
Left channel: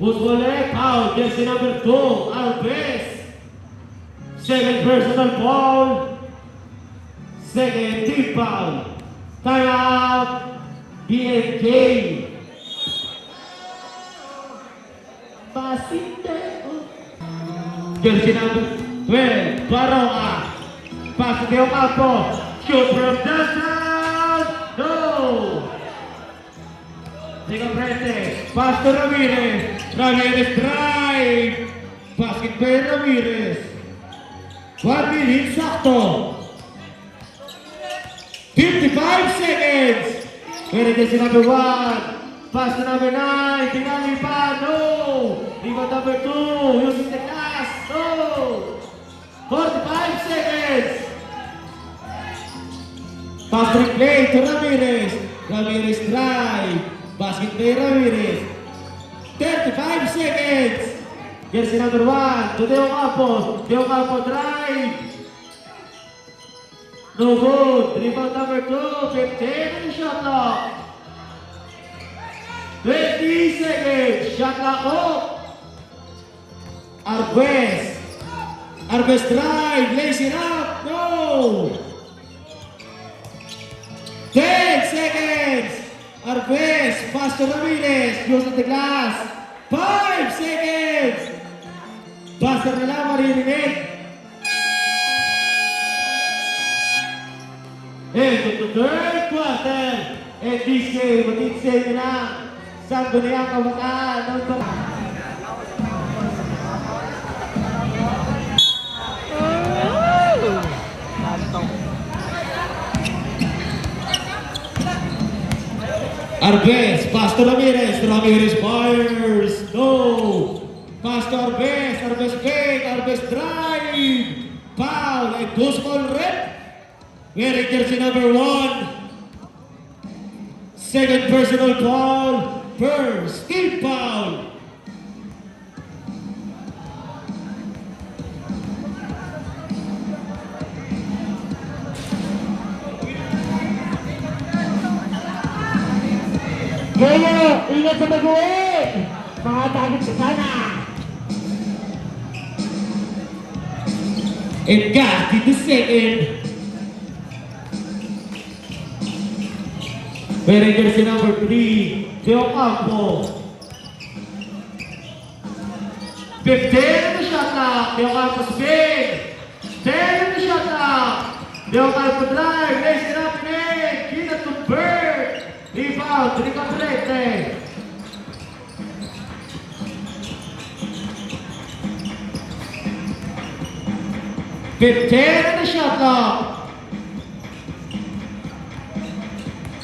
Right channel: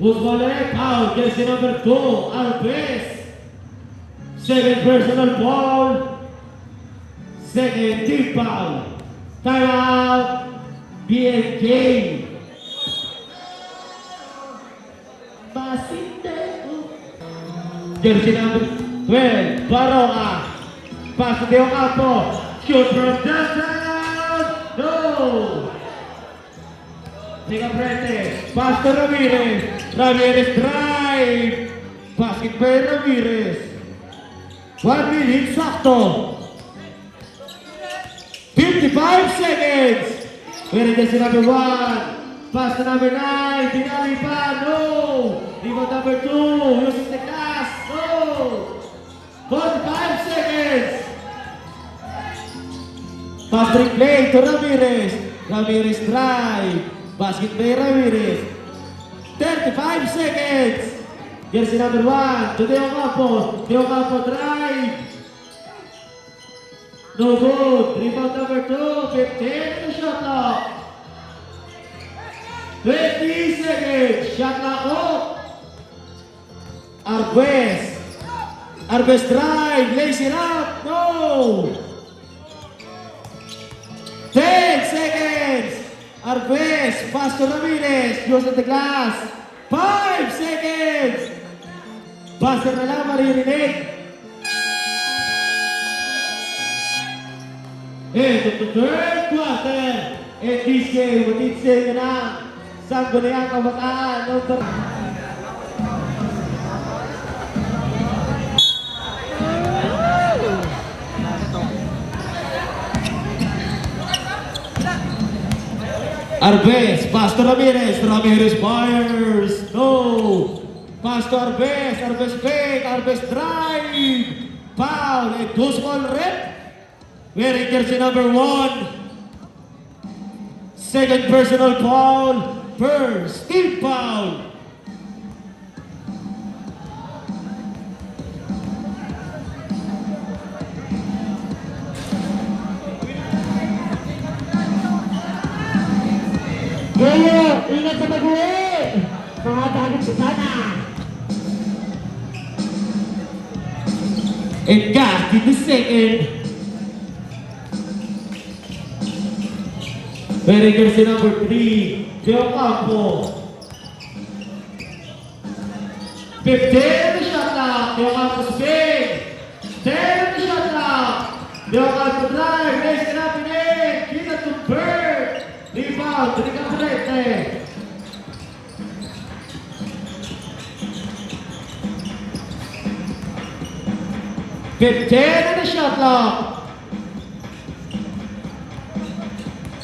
Usmolek out, jersey number 2, Arbes. Second personal foul. Second team foul. Timeout, BNK. Jersey number 12, Baroka. Pass to Deo Campo. Shoot from downtown. No. Rega Prete. Pass to Ramirez. Ramirez drive. Basket by Ramirez. 1 minute sakto. 55 seconds. Wearing jersey number 1. Pass to number 9. Tinali pa. No. Rebound number 2. Using the glass. No. 45 seconds. Pass replay to Ramirez. Ramirez drive. Basket by Ramirez. 35 seconds. Jersey number 1 to Deo Campo. Deo Campo drive. No good. Rebound number 2. 15 shot clock. 20 seconds. Shot clock off. Arbes. Arbes drive. Lays it up. No. 10 seconds. Arbes. Pass to Ramirez. Goes to the glass. 5 seconds! Buzzer na lang maririnig. And in the third quarter, and this game, matitsil na sa Sangguniang Kabataan ng Arbes, Pastor Ramirez, Ramirez fires, no. Pastor Arbes fake, Arbes drive, foul, and goes on red. Wearing jersey number 1. Second personal foul, first team foul. Gaya, ingat sa mag-uwi! Mga tagot sa sana! And got in the second. Wearing jersey number 3, Teo Campo. 15 on the shot clock, Teo Campo's big. 10 on the shot clock, Teo Campo drive, raise it up in it, kita to Bird. Rebound, Ricapolete. Fifteen on the shot clock.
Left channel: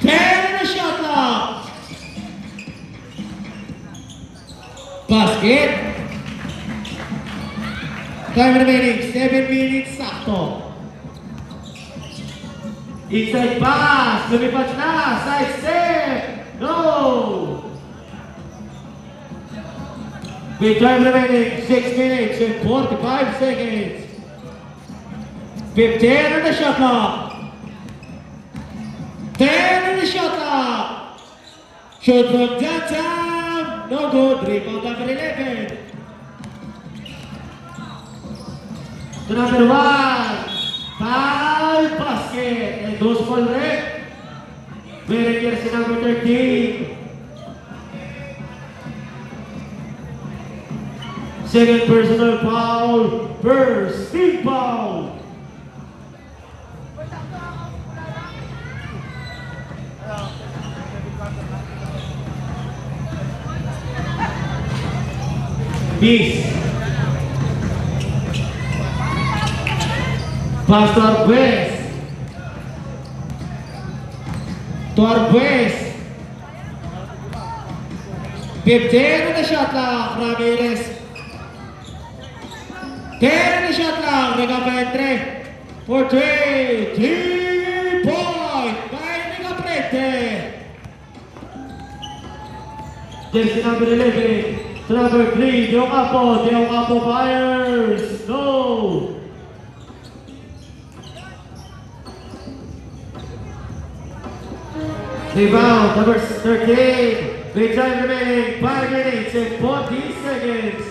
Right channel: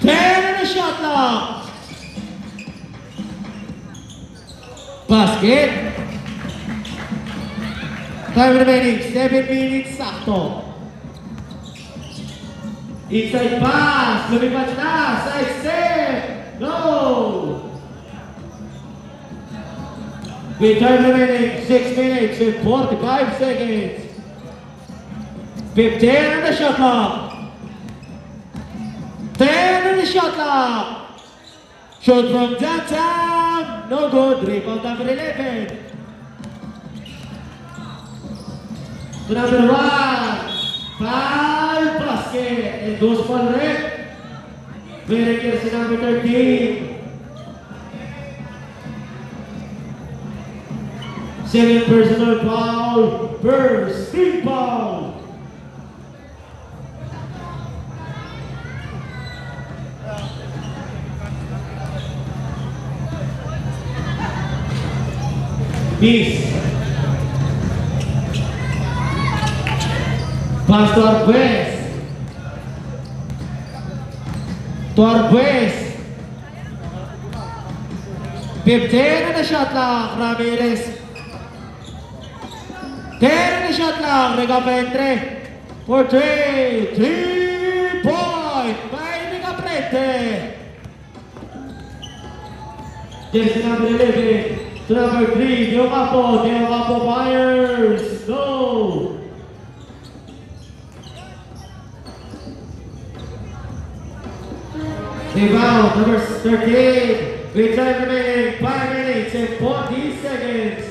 10 on the shot clock. Basket. Time remaining, 7 minutes sakto. Inside pass, lumipat na, side step, no! With time remaining, 6 minutes and 45 seconds. 15 on the shot clock. 10 on the shot clock. Shoot from downtown, no good, rebound number 11. To number 1. Foul basket and goes for red. Wearing jersey number 13. Second personal foul, first team foul. Miss. Pass to Arbes. To Arbes. 15 on the shot clock, Ramirez. 10 on the shot clock, Regaprete. For 3 point by Regaprete. Jersey number 11 to number 3, Deo Campo fires. No. Rebound, number 13. With time remaining 5 minutes and 40 seconds.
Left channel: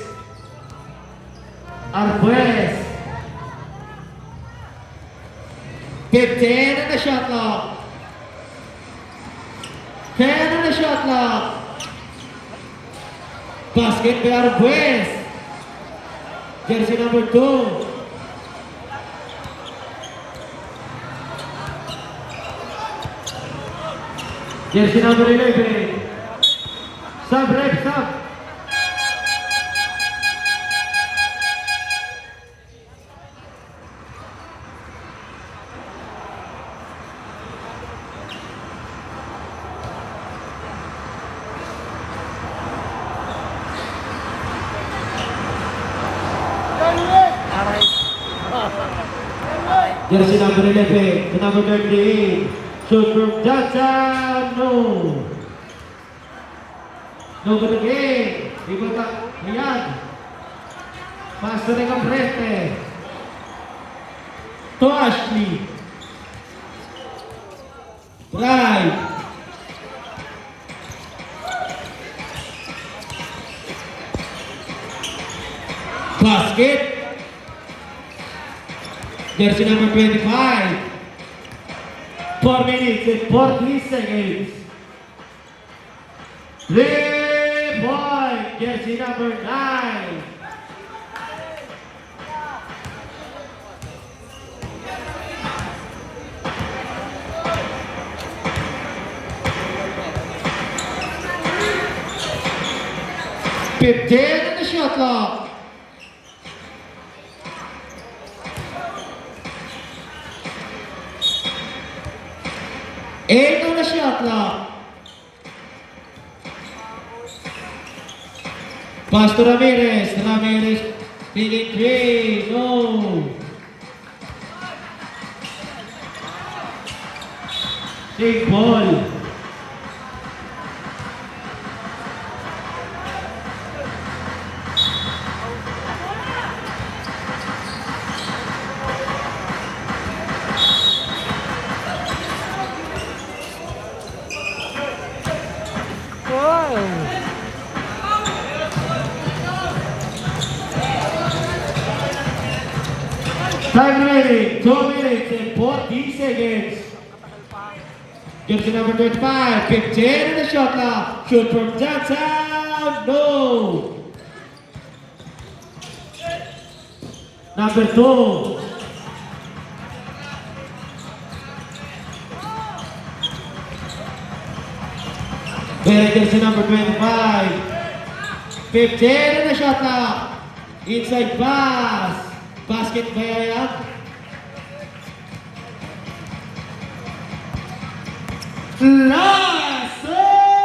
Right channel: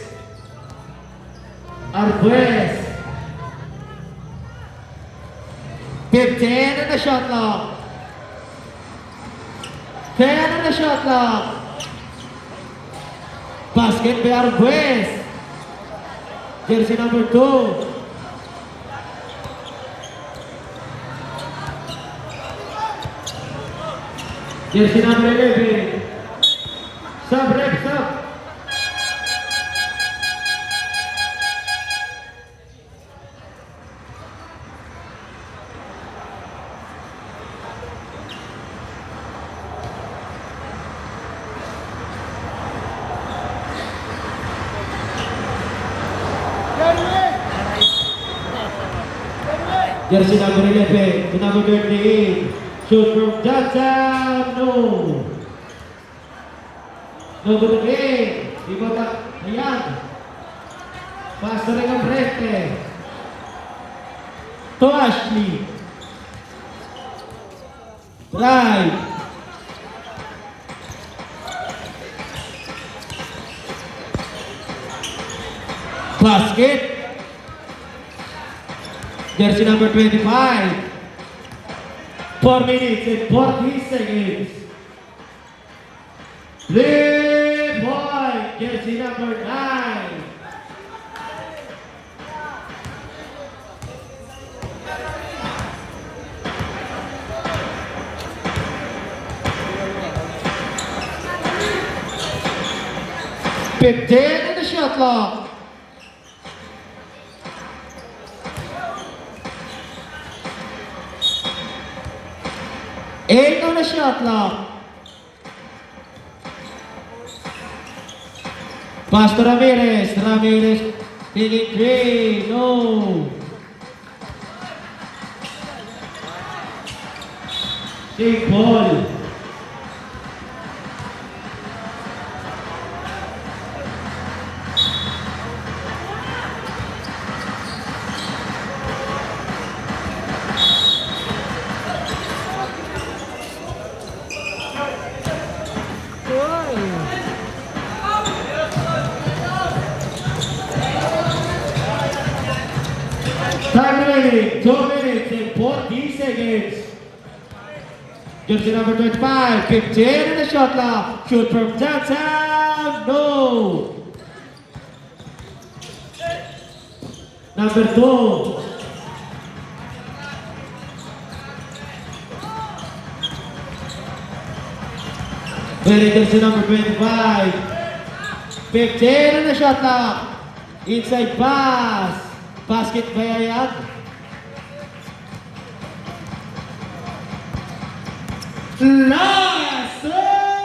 Arbes. 15 on the shot clock. 10 on the shot clock. Basket by Arbes. Jersey number 2. Jersey number 11. Sub, right, sub. Jersey number 11 to number 38. Shoot from Johnson, no. No good again. Ibota, ayan. Pass to Regaprete. To Ashley. Drive. Basket. Jersey number 25. 4 minutes and 40 seconds. 3 point. jersey number 9. Fifteen on the shot clock. Eight on the shot clock. Pass to Ramirez. Ramirez taking three. No. Take ball. Time remaining, 2 minutes and 40 seconds. Jersey number 25, 15 in the shot clock. Shoot from downtown, no. Number 2. Jersey number 25, 15 in the shot clock. Inside pass. Basket ba yan? Last minute!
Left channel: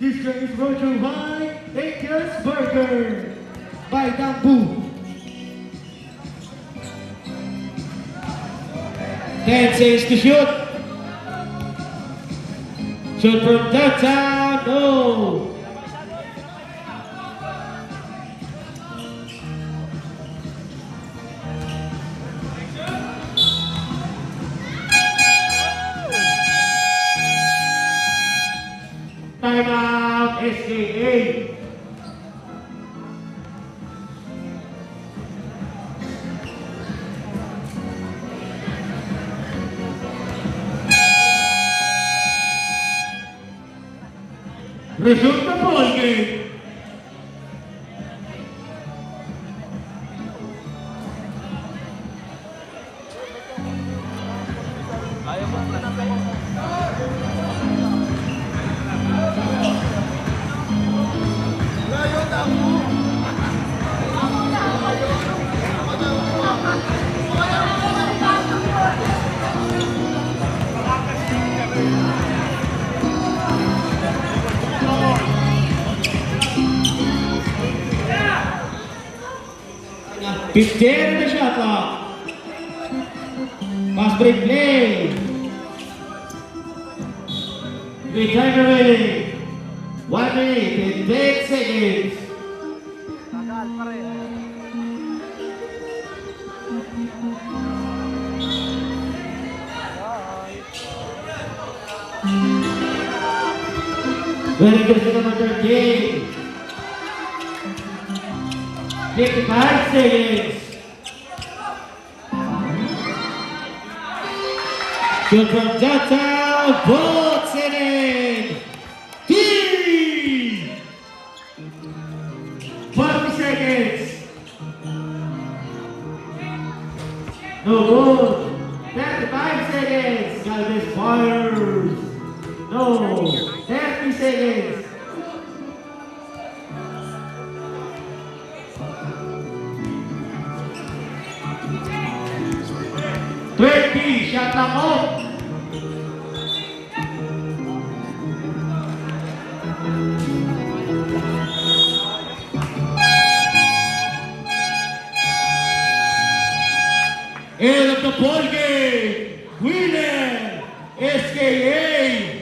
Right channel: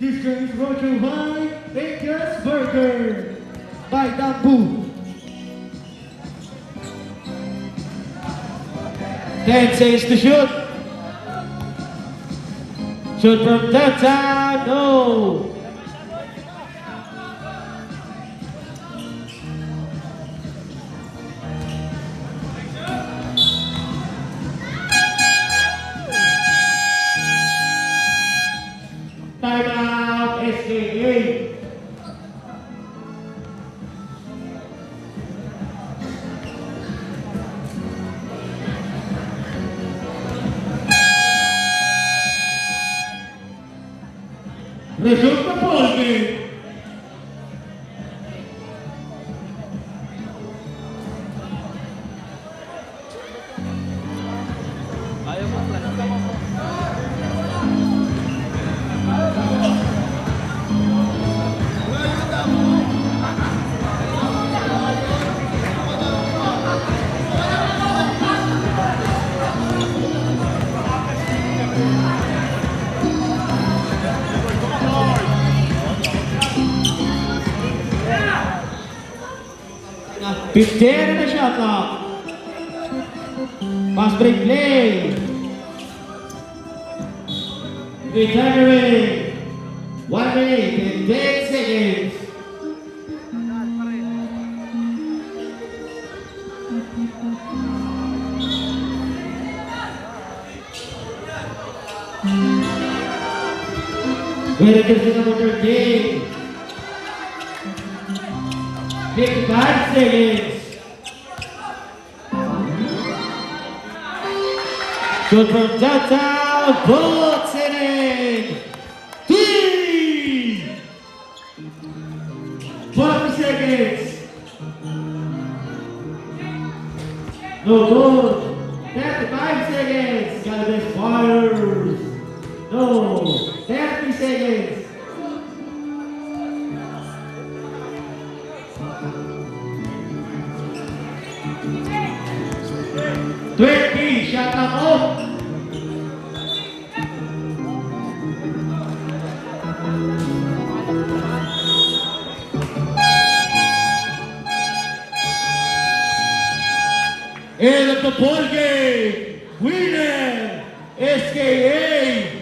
This game is brought to you by Akers Burger by Dambu. 10 seconds to shoot. Shoot from downtown, no. Timeout, SKA. Resume the ball game. Fifteen in the shot clock. Pass break play. The time remaining. 1 minute and 10 seconds. Very good for number 13. 55 seconds. Shoot from downtown, Bolt setting. 3. 40 seconds. No good. 35 seconds. Galvez fires. No. 30 seconds. 20, shot clock off. End of the ball game. Winner, SKA.